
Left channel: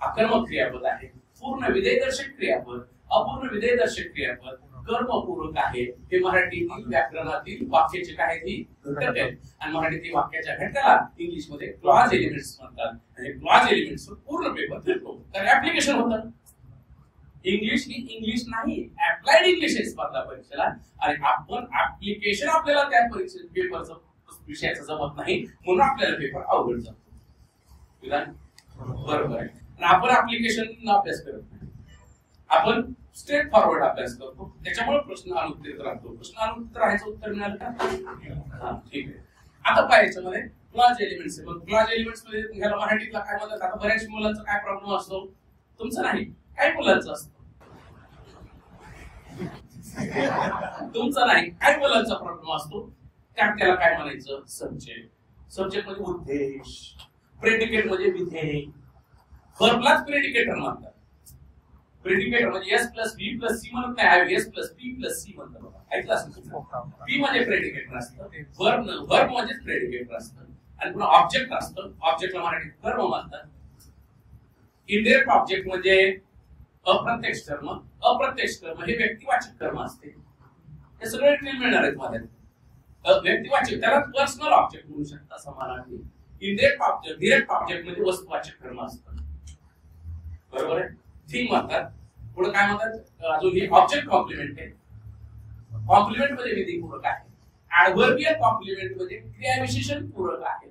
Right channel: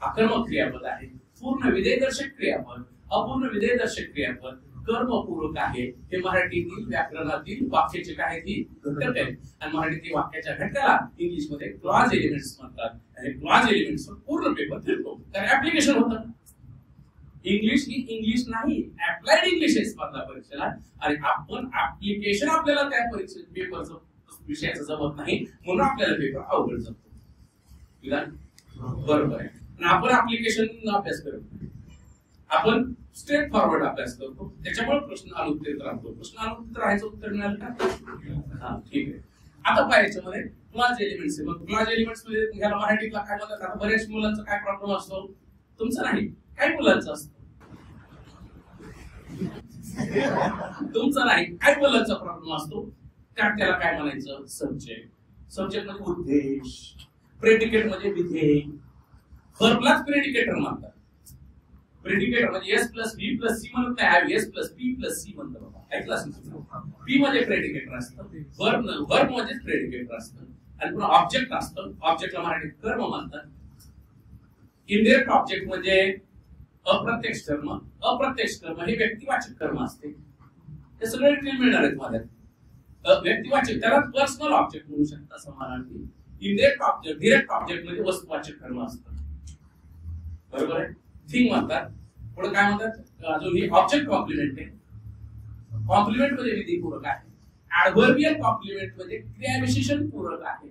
आकर्मक क्रियापद आहे, पूर्ण विधेयदर्शक क्रियापद, अपूर्ण विधेयदर्शक क्रियापद, कर्मपूरक आहे. हे मराठीतील व्याकरणातील वाक्याचे काय ती घटक आहेत. आणि मराठीतील वाक्याच्या घटकाला इंग्लिश मध्ये क्लॉज एलिमेंट्स म्हणतात. आणि क्लॉज एलिमेंट्स पूर्ण पेपर फिरतो, तर ऍप्लिकेशन होतं. इंग्लिश ही इंग्लिश नाही, अप्लाइड इंग्लिश आहे स्पर्धा परीक्षेला. आणि आपण ऍप्लिकेशन आपल्याला त्या परीक्षे पेपरचं विषयाचं जमत नाही, म्हणून आपल्याला पेपर अवघड जातो. बरोबर आहे. आणि आपण ऍप्लिकेशन अभ्यास करत नाही, आपण स्ट्रेट फॉरवर्ड अभ्यास करतो. त्याच्यामुळे प्रश्न अनुत्तरित राहतो. प्रश्न अनुत्तरित राहायचं उत्तर मिळालं का? हा, ठीक आहे. आता पाहायचं मध्ये क्लॉज एलिमेंट्स आहे. मग क्लॉज एलिमेंट्स मध्ये ह्याला मराठीतला काय म्हणतात? आता बऱ्याच मुलांचा काय प्रॉब्लेम असतो, तुमचं नाही, काय मुलांचा असतो, तुमचा नाही, काय मुलांचा प्रॉब्लेम असतो. त्याला काय म्हणायचं? सब्जेक्ट. सब्जेक्ट म्हणजे उद्देश, प्रेडिकेट म्हणजे विधेय, व्हर्बलाच प्रेडिकेटर म्हणतात. प्रेडिकेटर म्हणजे S plus B plus C म्हणत नाही, S plus P plus C म्हणतात. बाबा ऐकलं असेल, पी म्हणजे प्रेडिकेटर असतं, वर्ब म्हणजे प्रेडिकेटर असतं. आणि पुन्हा ऑब्जेक्ट असतं, ऑब्जेक्टला मराठीत कर्म म्हणतात. इनडायरेक्ट ऑब्जेक्ट म्हणजे अप्रत्यक्ष कर्म, अप्रत्यक्ष कर्म हे व्यक्तिवाचक कर्म असते. हे सगळे डिटेल मिळणार आहेत माझ्यात. व्यक्तिवाचक त्याला पर्सनल ऑब्जेक्ट म्हणू शकता समानार्थी. इनडायरेक्ट ऑब्जेक्ट, डायरेक्ट ऑब्जेक्ट म्हणजे वस्तुवाचक कर्म असतं. बरोबर आहे. थिंग म्हणतात. पुढे काय म्हणतात? अजून ही ऑब्जेक्ट कॉम्प्लिमेंट आहे. कॉम्प्लिमेंट म्हणजे विधीपूरक आहे. ऍडव्हर्बियल कॉम्प्लिमेंट म्हणजे क्रियाविशेषण पूरक आहे.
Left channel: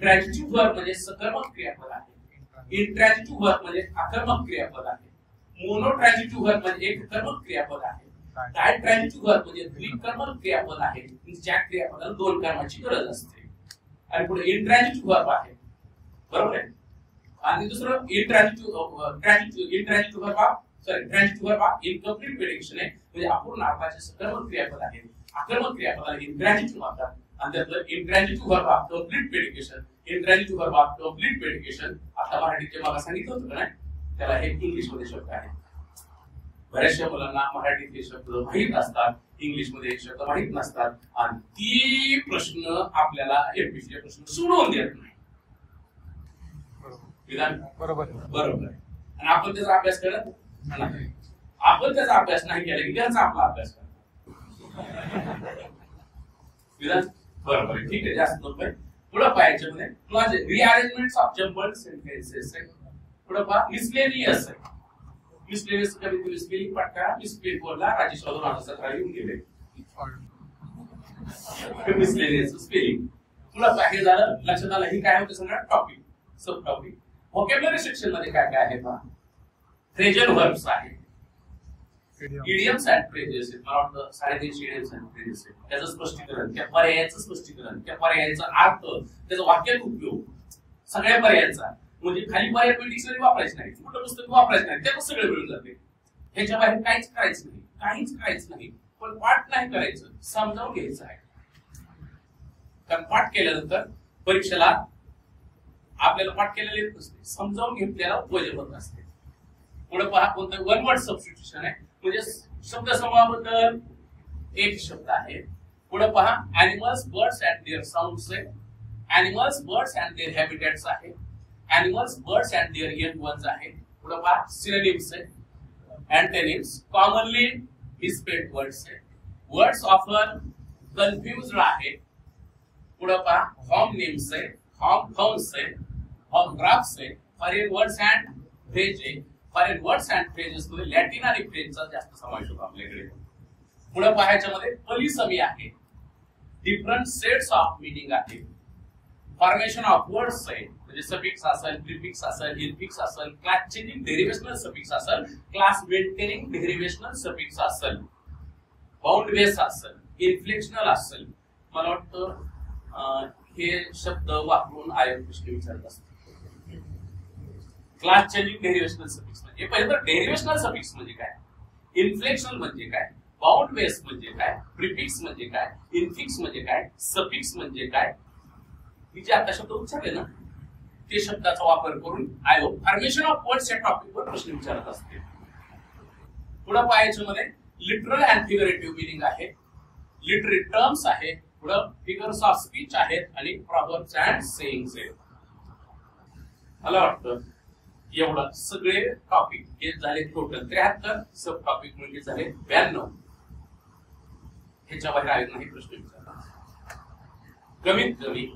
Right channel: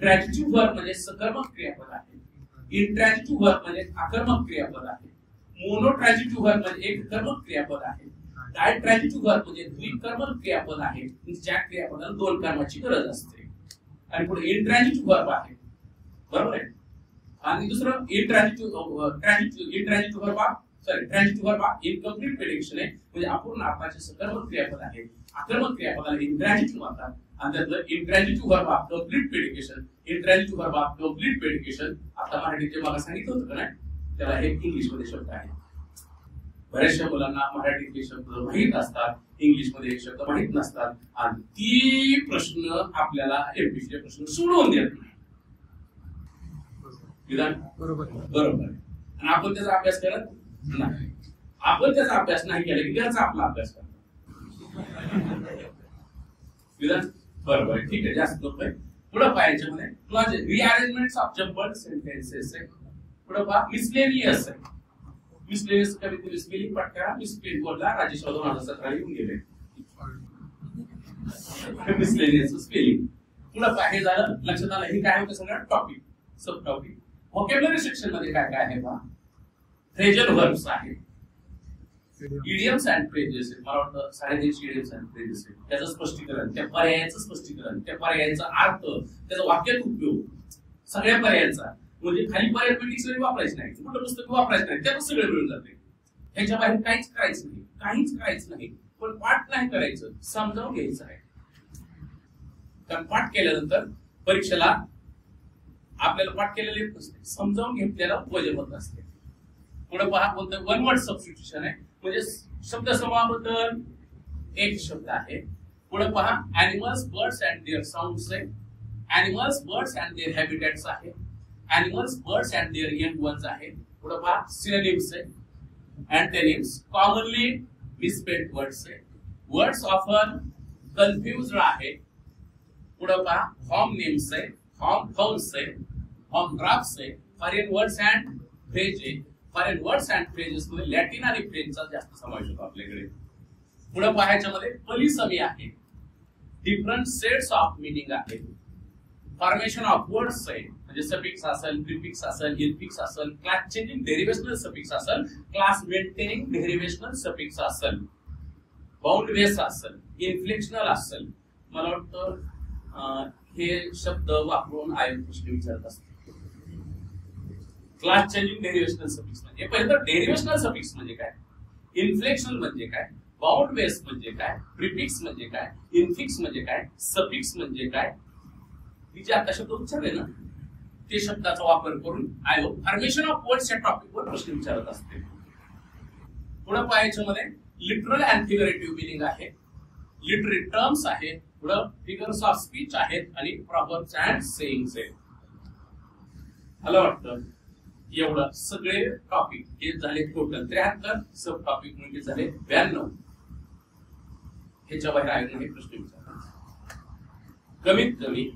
ट्रान्झिटिव्ह वर्ब म्हणजे सकर्मक क्रियापद आहे. इंट्रान्झिटिव्ह वर्ब म्हणजे आकर्मक क्रियापद आहे. मोनोट्रान्झिटिव्ह वर्ब म्हणजे एक कर्मक क्रियापद आहे. डायट्रान्झिटिव्ह वर्ब म्हणजे द्विकर्मक क्रियापद आहे, ज्या क्रियापदाला दोन कर्माची गरज असते. आणि पुढे इंट्रान्झिटिव्ह वर्ब आहे. बरोबर आहे. आणि दुसरं ट्रान्झिटिव्ह वर्ब इनकम्प्लीट प्रेडिक्शन आहे, म्हणजे अपूर्ण अर्थाचे सकर्मक क्रियापद आहे. आकर्मक क्रियापदाला इंट्रान्झिटिव्ह म्हणतात. आणि त्यातलं इंट्रान्झिटिव्ह वर्ब कम्प्लीट प्रेडिकेशन, इंट्रान्झिटिव्ह वर्ब कम्प्लीट प्रेडिकेशन. आता मराठीचे मला सांगितलं होतं का नाही, त्याला हे इंग्लिश मध्ये शब्द आहे. बऱ्याचशा मुलांना मराठीतले शब्द माहीत असतात, इंग्लिश मध्ये शब्द माहीत नसतात. आणि ती प्रश्न आपल्याला एमपीसीचे प्रश्न सोडवून देत नाही. विधान बरोबर बरोबर आहे. आणि आपण त्याचा अभ्यास करत नाही. आपण त्याचा अभ्यास नाही केला की त्याचा आपला अभ्यास करतो. विधान बरोबर आहे. ठीक आहे, जास्त नकोय. पुढे पाहायच्या मध्ये क्लॉज रिअरेंजमेंट्स ऑफ जम्बल्ड सेंटेन्सेस आहे. पुढे पहा मिसलेनियस आहे. मिसलेनियस कविते स्पेलिंग पटका मिसप्लेन बोलला राजेश 2017 येऊन गेले. Miscellaneous spelling. पुढे पहा हे झालं, लक्षात आलं. हे काय होतं सगळं टॉपिक, सब टॉपिक. व्होकॅब्युलरी सेक्शन मध्ये काय काय आहे पहा. फ्रेजल वर्ब्स आहे, इडियम्स अँड फ्रेजेस आहेत. मला वाटतं 3.5 इडियम्स अँड फ्रेजेस आहेत. त्याचं स्पष्टीकरण, त्या पर्यायाचं स्पष्टीकरण, त्या पर्यायाचा अर्थ, त्याचा वाक्यात उपयोग, सगळ्या पर्यायांचा. म्हणजे खाली पर्याय डिक्शनरी वापरायचं नाही, कुठलं पुस्तक वापरायचं नाही, त्यात सगळं मिळून जाते. ह्याच्या बाहेर काहीच करायचं नाही, काहीच करायचं नाही. पण पाठ नाही करायचं, समजावून घ्यायचं आहे. कारण पाठ केल्यानंतर परीक्षेला आपल्याला पाठ केलेले येत नसते, समजावून घेतलेला वजन होत असते. पुढे पहा कोणतं वन वर्ड सबस्टिट्यूशन आहे, म्हणजे शब्द समूहाबद्दल एक शब्द आहे. पुढे पहा animals, birds and their sounds आहे. Animals, birds and their habitats आहे. Animals, birds and their young ones आहे. पुढे पहा सिनोनिम्स आहे, अँटोनिम्स, कॉमनली मिसस्पेल्ड वर्ड्स आहे. वर्ड्स ऑफन कन्फ्युज्ड आहे. पुढे पहा होमोनिम्स आहे, होमफाउंड्स आहे, होमग्राफ्स आहे. फॉरेन वर्ड्स अँड फ्रेज आहे. फॉरेन वर्ड्स अँड फ्रेजेस मध्ये लॅटिन आणि फ्रेंचचा जास्त समावेश होतो आपल्याकडे. पुढे पाहायच्या मध्ये पॉलिसमी आहे, डिफरंट सेट्स ऑफ मीनिंग आहे. फॉर्मेशन ऑफ वर्ड्स आहे, म्हणजे सफिक्स असेल, प्रिफिक्स असेल, इन्फिक्स असेल, क्लास चेंजिंग डेरिव्हेशनल सफिक्स असेल, क्लास मेंटेनिंग डेरिव्हेशनल सफिक्स असेल, बाउंड बेस असेल, इन्फ्लेक्शनल असेल, मला वाटतं हे शब्द वापरून आयोग प्रश्न विचारत असतात. क्लास चेंजिंग डेरिव्हेशनल सफिक्स म्हणजे पहिले तर डेरिव्हेशनल सफिक्स म्हणजे काय, इन्फ्लेक्शनल म्हणजे काय, बाउंड बेस म्हणजे काय, प्रिफिक्स म्हणजे काय, इन्फिक्स म्हणजे काय, सफिक्स म्हणजे काय, मी जे आता शब्द उच्चारले ना ते शब्दाचा वापर करून आयोग फॉर्मेशन ऑफ वर्ड्स या टॉपिकवर प्रश्न विचारत असते. पुढे पाहायच्या मध्ये लिटरल अँड फिगरेटिव्ह मिनिंग आहे, लिटररी टर्म्स आहे, पुढे फिगर्स ऑफ स्पीच आहेत आणि प्रॉव्हर्ब्स अँड सेइंग्स आहेत. मला वाटतं एवढं सगळे टॉपिक हे झाले टोटल 73, सब टॉपिक म्हणजे झाले 92. ह्याच्या बाहेर आयोगाने प्रश्न विचारला. कमीत कमी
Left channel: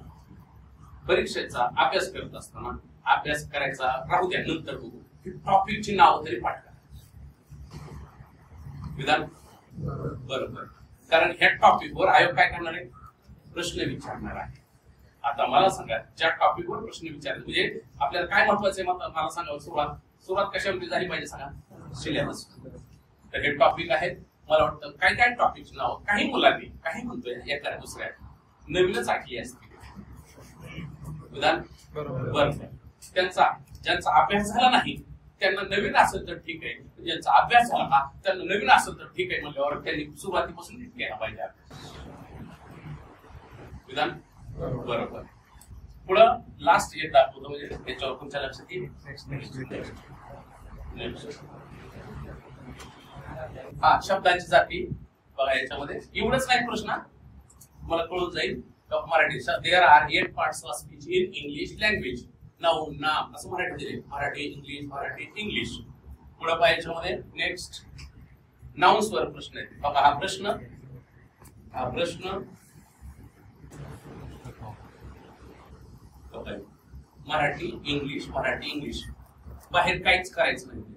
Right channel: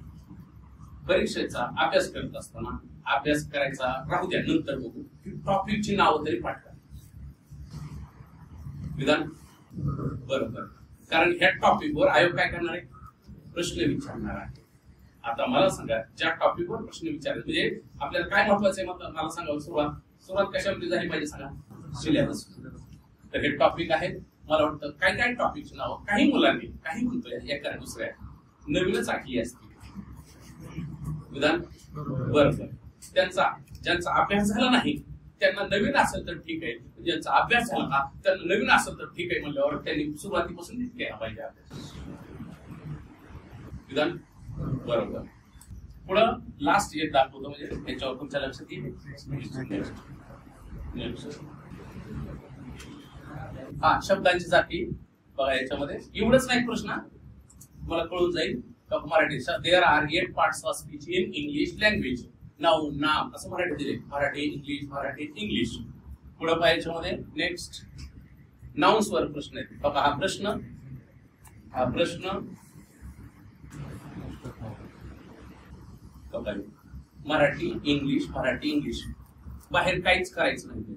परीक्षेचा अभ्यास करत असताना अभ्यास करायचा राहू द्या, नंतर बघू, टॉपिकची नावं तरी पाठ करा. विधान बरोबर, कारण ह्या टॉपिकवर आयोग काय करणार आहे, प्रश्न विचारणार आहे. आता मला सांगा, ज्या टॉपिकवर प्रश्न विचारले म्हणजे आपल्याला काय महत्वाचं आहे, मला सांगा. सुरुवात कशामध्ये झाली पाहिजे सांगा, सिलेबस. तर हे टॉपिक आहेत. मला वाटतं काय काय टॉपिकची नाव काही मुलांनी काही म्हणतोय एका दुसऱ्या नवीनच आखली असते. विधान बरोबर, ज्यांचा अभ्यास झाला नाही त्यांना नवीन असेल तर ठीक आहे, ज्यांचा अभ्यास झाला ना त्यांना नवीन असेल तर ठीक आहे म्हणल्यावर त्यांनी सुरुवातीपासून केला पाहिजे अभ्यास. विधान बरोबर. पुढं लास्ट एक दाखवतो म्हणजे त्याच्यावर तुमच्या लक्षात येईल. हा, शब्दांची जाती बघा. याच्यामध्ये एवढंच नाही प्रश्न, मला कळून जाईल Marathi. There are 8 parts of speech in English language. Noun, नाम असं मराठी दिले, मराठी इंग्लिश, मराठी इंग्लिश. पुढे पाहायच्या मध्ये नेक्स्ट नाउन्स वर प्रश्न आहे बघा. हा प्रश्न मराठी इंग्लिश, मराठी इंग्लिश, बाहेर काहीच करायचं नाही.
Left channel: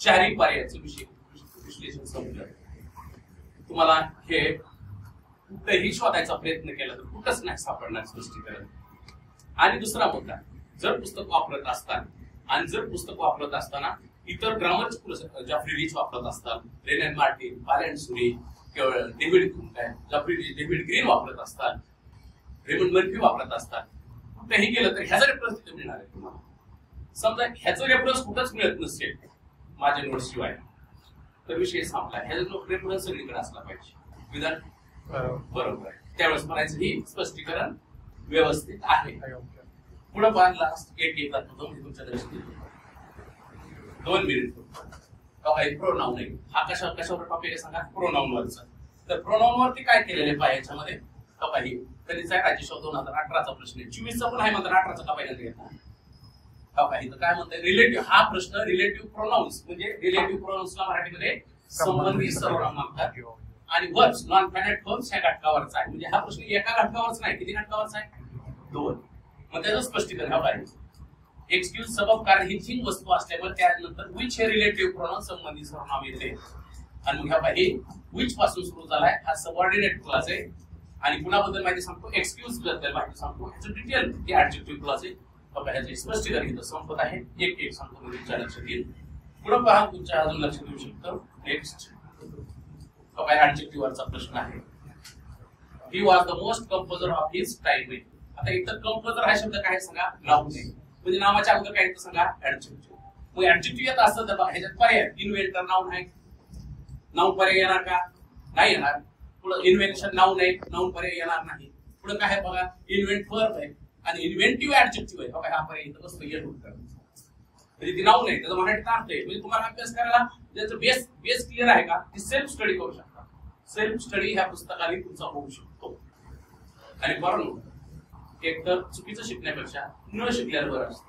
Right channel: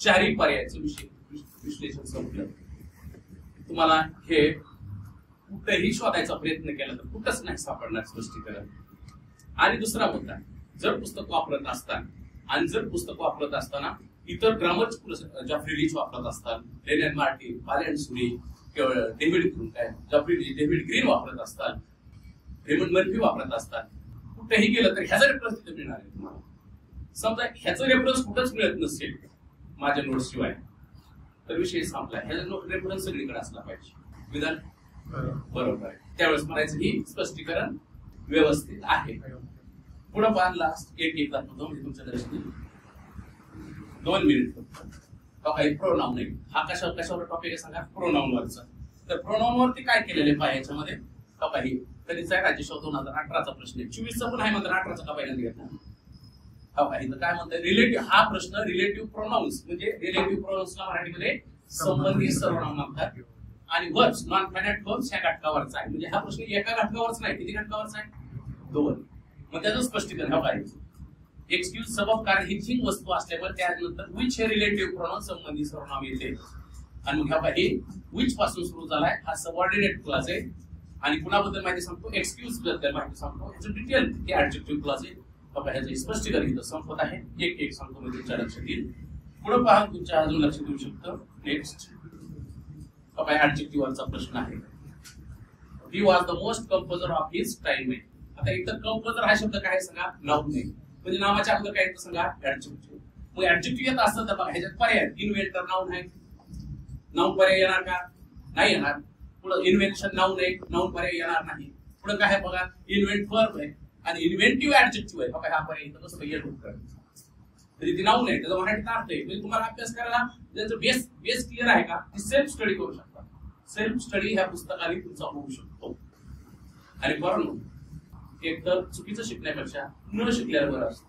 चारही पर्यायाचं विश्लेषण संपलं. तुम्हाला हे कुठेही शोधायचा प्रयत्न केला तर कुठंच नाही सापडणार स्पष्टीकरण. आणि दुसरा मुद्दा, जर पुस्तक वापरत असताना इतर ग्रामरचे जॉफ्री लीच वापरत असतात, लेनॅन मार्टिन, बालेंड सुरी, डेव्हिड ग्रीन वापरत असतात, रेमंड मर्फी वापरत असतात, कुठेही गेलं तर ह्याचा रेफरन्स तिथे मिळणार आहे तुम्हाला. समजा ह्याचा रेफरन्स कुठंच मिळत नसेल माझ्या नोट्स शिवाय तर विषय संपला. ह्याचा रेफरन्स सगळीकडे असला पाहिजे. विधान बरोबर, त्यावेळेस म्हणायचं ही स्पष्टीकरण व्यवस्थित आहे. पुढे पाहा लास्ट एक दाखवतो म्हणजे तुमच्या दृष्टीने 2 मिनिट. प्रोनाऊन आहे. हा कशावर टॉपिक आहे सांगा, प्रोनाऊन वरचा. तर प्रोनाऊन वरती काय केलेले पाय याच्यामध्ये काही कधीचा आहे राज्यशो 2018चा प्रश्न आहे. 24चा पण आहे मात्र 18चा का पहिल्यांदा घेतला. काही काय म्हणतात रिलेटिव्ह. हा प्रश्न रिलेटिव्ह प्रोनाउन्स म्हणजे रिलेटिव्ह प्रोनाउन्सला मराठीमध्ये संबंधी सर्वनाम म्हणतात. आणि वर्ब्स नॉन फायनाइट फॉर्म्स ह्या घटकावरचा आहे. म्हणजे हा प्रश्न एका घटकावरच नाही, किती घटकावरचा आहे, 2. मग त्याचं स्पष्टीकरण हवं आहे. एक्सक्यूज सबब कारण ही 3 वस्तू असल्यावर त्यानंतर विच हे रिलेटिव्ह प्रोनाउन संबंधी सर्वनाम येते. आणि मग हे विच पासून सुरू झालाय, हा सबऑर्डिनेट क्लास आहे. आणि कुणाबद्दल माहिती सांगतो, एक्सक्यूज बद्दल माहिती सांगतो, ह्याचं डिटेल ते ऍडजेक्टिव्ह क्लास आहे. ह्याचं स्पष्टीकरण इथं संपत आहे. एक सांगतो म्हणजे तुमच्या लक्षात येईल. पुढे पहा, तुमच्या अजून लक्षात येऊ शकतं. नेक्स्ट ऍडजेक्टिव्ह वरचा प्रश्न आहे. He was the most composer of his time. आता इथं कंपोजर हा शब्द काय सांगा, नाउन आहे. म्हणजे नामाच्या अगोदर काय सांगा, ऍडजेक्टिव्ह. मग ऍडजेक्टिव्ह येत असतं तर ह्याच्यात पर्याय इन्व्हेंटर नाउन आहे. नाउन पर्याय येणार का, नाही येणार. पुढे इन्व्हेन्शन नाउन आहे, नाउन पर्याय येणार नाही. पुढे काय आहे बघा, इन्व्हेंट वर्ब आहे आणि इन्व्हेंटिव्ह ऍडजेक्टिव्ह आहे. बघा हा पर्याय इथं कसं येत होतं. म्हणजे ती नाउन आहे, त्याचा मराठीत अर्थ आहे. म्हणजे तुम्हाला अभ्यास करायला ज्याचं बेस क्लिअर आहे का, ती सेल्फ स्टडी करू शकता. सेल्फ स्टडी ह्या पुस्तकाने तुमचा होऊ शकतो. आणि बरं, एक तर चुकीचं शिकण्यापेक्षा न शिकल्यावर बरं असतं.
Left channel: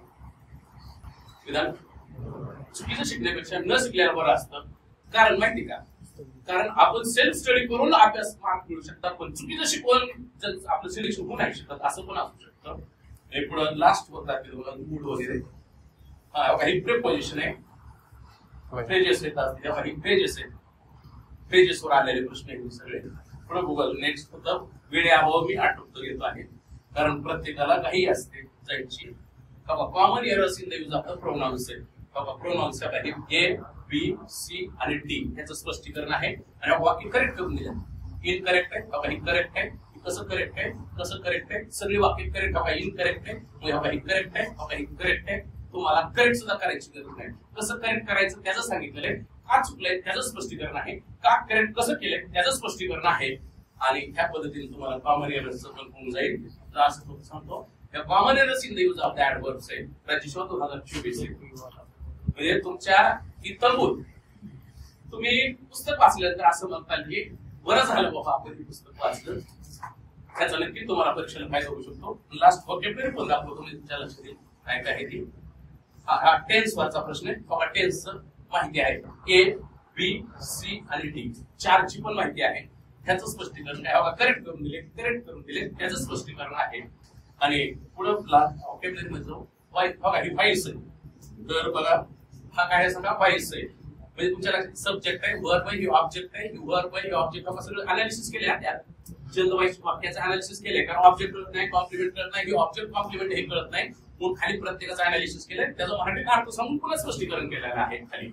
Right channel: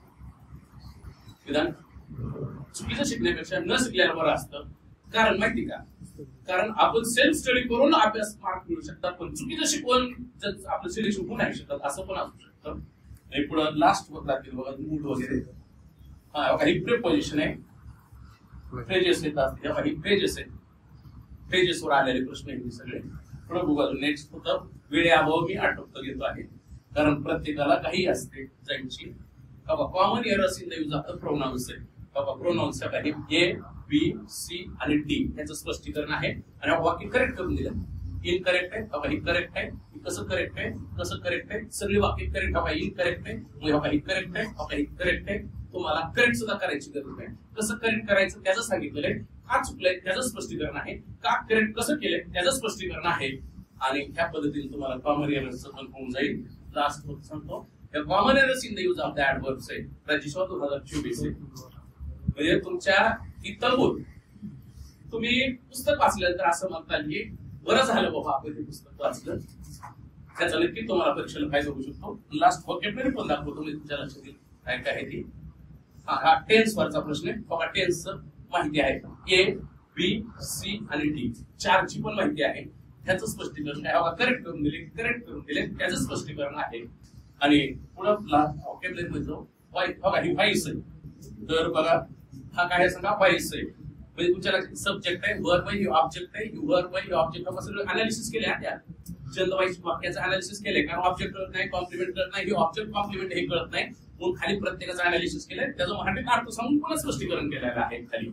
विधान चुकीचं शिकण्यापेक्षा न शिकल्यावर बरं असतं. कारण माहिती का, कारण आपण सेल्फ स्टडी करून अभ्यास मार्क मिळू शकतात, पण चुकीचं शिकवून आपलं सिलेक्शन होऊ नाही शकत, असं पण असू शकतं. पुढे लास्ट वर दाखवलं बघा, मूड वगैरे. हा बघा, ही प्रिपोजिशन आहे, फ्रेजेस येतात. तेव्हा ही फ्रेजेस आहेत, फ्रेजेसवर आलेले प्रश्न आहेत सगळे. पुढे बघू. नेक्स्ट होतं वेळेअभाव मी आटोपतो घेतो आहे, कारण प्रत्येकाला काही असते जायची. Common errors in the use of the pronounce आहे. प्रोनाउन्स ए बी सी आणि डी याचं स्पष्टीकरण आहे आणि वाक्य करेक्ट करून दिलं. इनकरेक्ट आहे बघा, ही करेक्ट आहे, कसं करेक्ट आहे, कसं करेक्ट आहे, सगळी वाक्य करेक्ट बघा. इनकरेक्ट आहे मग ही करेक्ट आहे बघा, ही करेक्ट आहे. तुम्हाला करेक्ट सुद्धा करायची गरज नाही. कसं करेक्ट करायचं त्याचं सांगितलेलं आहे, का चुकलंय त्याचं स्पष्टीकरण आहे, का करेक्ट कसं केलंय त्याचं स्पष्टीकरण आहे. आणि ह्या पद्धतीने तुम्हाला कॉमन एरर्स पण होऊन जाईल. लास्ट सांगतो common errors in the use of the adverbs आहे राजेश्वर 2024 म्हणजे तुमच्या इतरभूत तुम्ही पुस्तक वाचलं तर असं म्हणताल की बरं झालं बाबा आपण हे पुस्तक वाचलं, त्याचा नक्की तुम्हाला परीक्षेला फायदा होऊ शकतो. लास्ट व्होकॅब्युलरी पण दाखवतो मी तुमच्या लक्षात येईल काय काय आहे ती. हा टेन्स वरचा प्रश्न आहे बघा. टेन्स माहिती आहे ए बी सी आणि डी चारची पण माहिती आहे. त्याचं स्पष्टीकरण काय बघा, करेक्ट करून दिले त्याचं स्पष्टीकरण आहे. आणि पुढे व्होकॅब्युलरी मध्ये बघा ही व्हाईस आहे. तर बघा हा काय सांगा व्हाईस आहे म्हणजे तुमच्या सब्जेक्ट आहे, वर्ब आहे, ऑब्जेक्ट आहे, वर्ब आहे, ऑब्जेक्ट आपण सगळं अनालिसिस केले त्यात चंद वाईस वाक्याचं अनालिसिस केले. कारण ऑब्जेक्ट कळत नाही, कॉम्प्लिमेंट कळत नाही, ऑब्जेक्ट कॉम्प्लिमेंट हे कळत नाही म्हणून खाली प्रत्येकाचं अनालिसिस केलंय, त्याचं मराठी अर्थ सांगून पुन्हा स्पष्टीकरण केलेलं आहे. खाली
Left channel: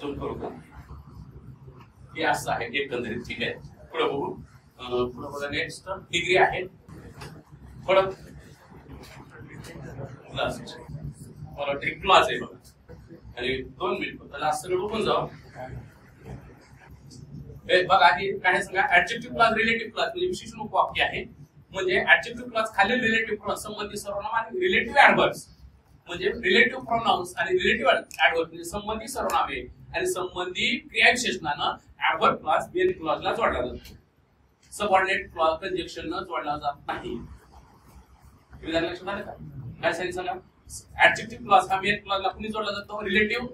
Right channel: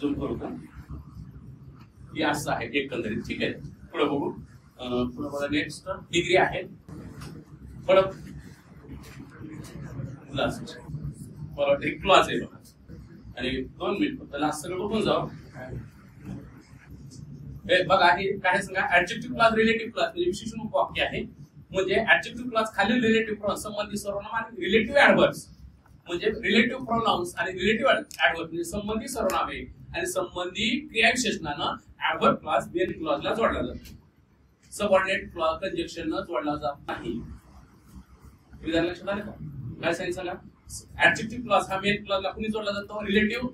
झूम करू का, हे असं आहे एकंदरीत. ठीक आहे पुढे बघू. पुढे बघा नेक्स्ट डिग्री आहे. पुढे क्लॉज आहे बघा. आणि 2 मिनिट त्याला सगळं बघून जाऊ. बघा हे काय सांगा ऍडजेक्टिव्ह क्लॉज रिलेटिव्ह क्लॉज म्हणजे विशेषण वाक्य आहे. म्हणजे ऍडजेक्टिव्ह क्लॉज खाली रिलेटिव्ह प्रोनाउन्स संबंधी सर्वनाम आणि रिलेटिव्ह ऍडव्हर्ब्स म्हणजे रिलेटिव्ह प्रोनाउन्स आणि रिलेटिव्ह ऍडव्हर्ब म्हणजे संबंधी सर्वनामे आणि संबंधी क्रियाविशेषणानं ऍडव्हर्ब क्लॉज मेन क्लॉजला जोडला जातो. सबऑर्डिनेट क्लॉज कंजक्शन न जोडला जात नाही. लक्षात आलं का काय सांगितलं सांगा. ऍडजेक्टिव्ह क्लॉज हा मेन क्लॉजला कुणी जोडला जातो, relative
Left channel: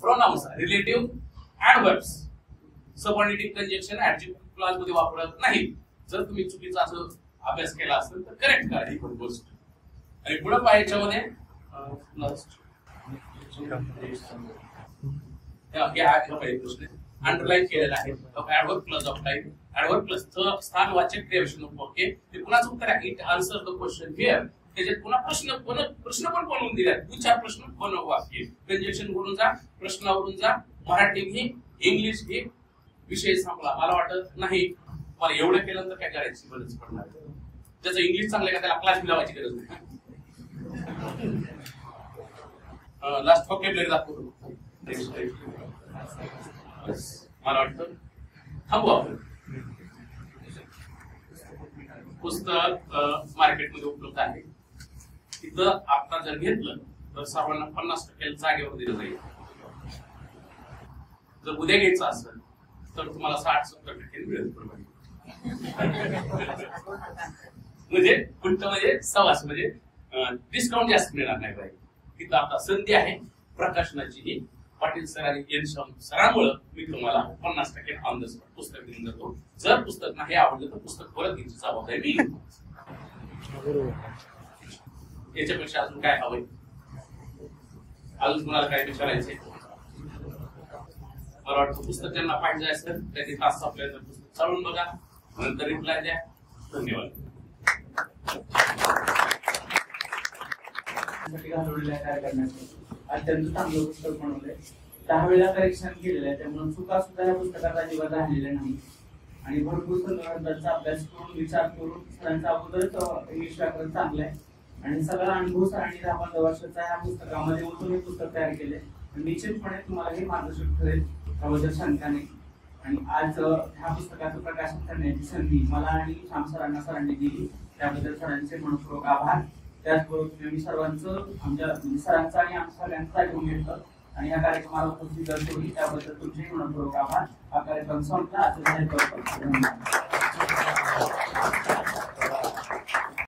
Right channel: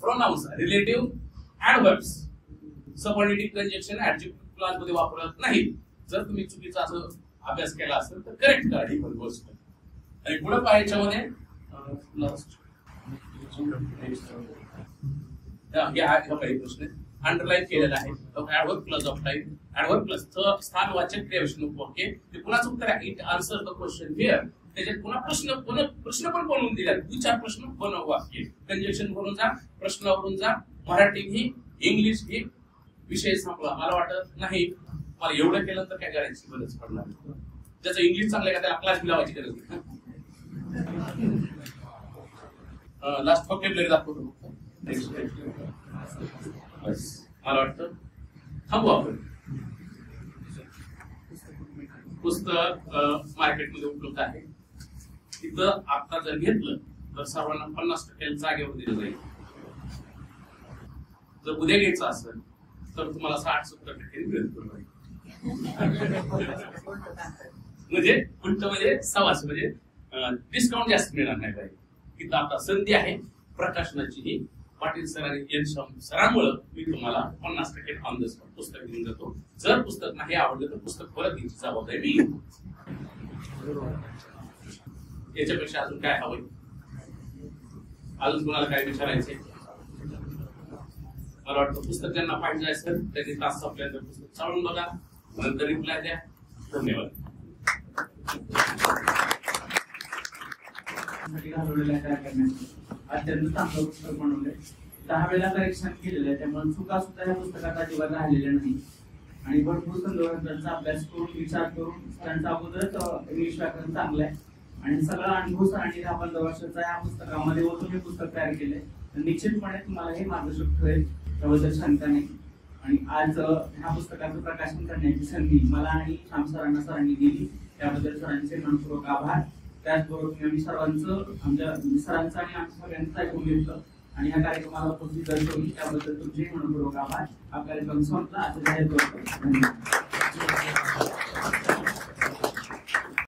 pronouns relative adverbs subordinate conjunction adjective clause मध्ये वापरत नाही. जर तुम्ही चुकीचा असं अभ्यास केला असेल तर करेक्ट करा ही पण गोष्ट. आणि पुढे पाहायच्यामध्ये प्रश्न अंडरलाईन केलेला आहे adverb place of type adverb place स्थानवाचक क्रियाविशेषण वाक्य ते पुन्हाच उत्तर आहे. It answer the question here. त्याच्यात पुन्हा प्रश्न पण बनवून दिला. 2-4 प्रश्न बनव वाक्य कंजक्शन वरून जा, प्रश्नावरून जा. मराठी ही इंग्लिश ही विषय संपला. मला वाटत नाही मला एवढं केलं तर काय करायची गरज पडणार. त्याचं इंग्लिश चांगलं का त्याला क्लास लावायची गरज नाही. लास्ट व्होकॅब्युलरी दाखवतो. मला वाटतं थांबू आपण. पुस्तक मार्केटमध्ये उपलब्ध आहे. तिथं आता जर घेतलं तर सर्वांना 50% जागेवर दिलं जाईल. जर उद्या घ्यायचं असेल तर तुम्हाला 60-70% मिळेल. म्हणजे उलट म्हणजे सवास म्हणजे डिस्काउंट जास्त मिळणार नाही पाहिजे. तिथं आता संधी आहे प्रकाशनाची. ही पाटील सर आणि एन सरांमुळे मी तुम्हाला 50% ऑन द स्पॉट पुस्तक घेऊन जातो. जर पुस्तक नाही आवडलं तर पुस्तक परत घ्यायची जबाबदारी मी. याच्यापेक्षा अजून काय हवंय, अजून तुम्हाला काय विचारायचंय? मला वाटतं पुस्तक ज्यांना पाहिजे असेल त्यांनी तास संपल्यानंतर पुस्तक चालून बघा, नंतर रिप्लाय द्या. धन्यवाद. अत्यंत चांगलं पुस्तक बनवलंय. 10 वेळा परीक्षण केलेलं आहे, त्यामुळे चुका सुद्धा या पुस्तकात अजिबात राहिलेल्या नाही. आणि भरपूर संदर्भांचा अभ्यास करून विचार करून त्यांचा अगोदरच इंग्लिश व्याकरण चांगलं आहे आणि सगळा अनुभव सरांनी 10-15 वर्षाचा या पुस्तकामध्ये ओतून हे पुस्तक तयार केलंय. निश्चितपणे तुम्हाला हे मार्गदर्शक ठरेल त्याबद्दल शंका नाही. आणि आज ह्या पुस्तकाचं प्रकाशन करण्याची संधी मला आणि श्याम सरांनी दिली, त्याबद्दल सरांचे मनपूर्वक आभार. त्याचबरोबर मी सर्वांचं आमच्या सरांचं आणि आमच्या सगळ्यांचं ऐकून घेतलं आणि या कार्यक्रमाला उपस्थित दर्शवली त्याबद्दल तुमचे मनपूर्वक आभार. हा कार्यक्रम संपला. आता जाहीर करतो. धन्यवाद.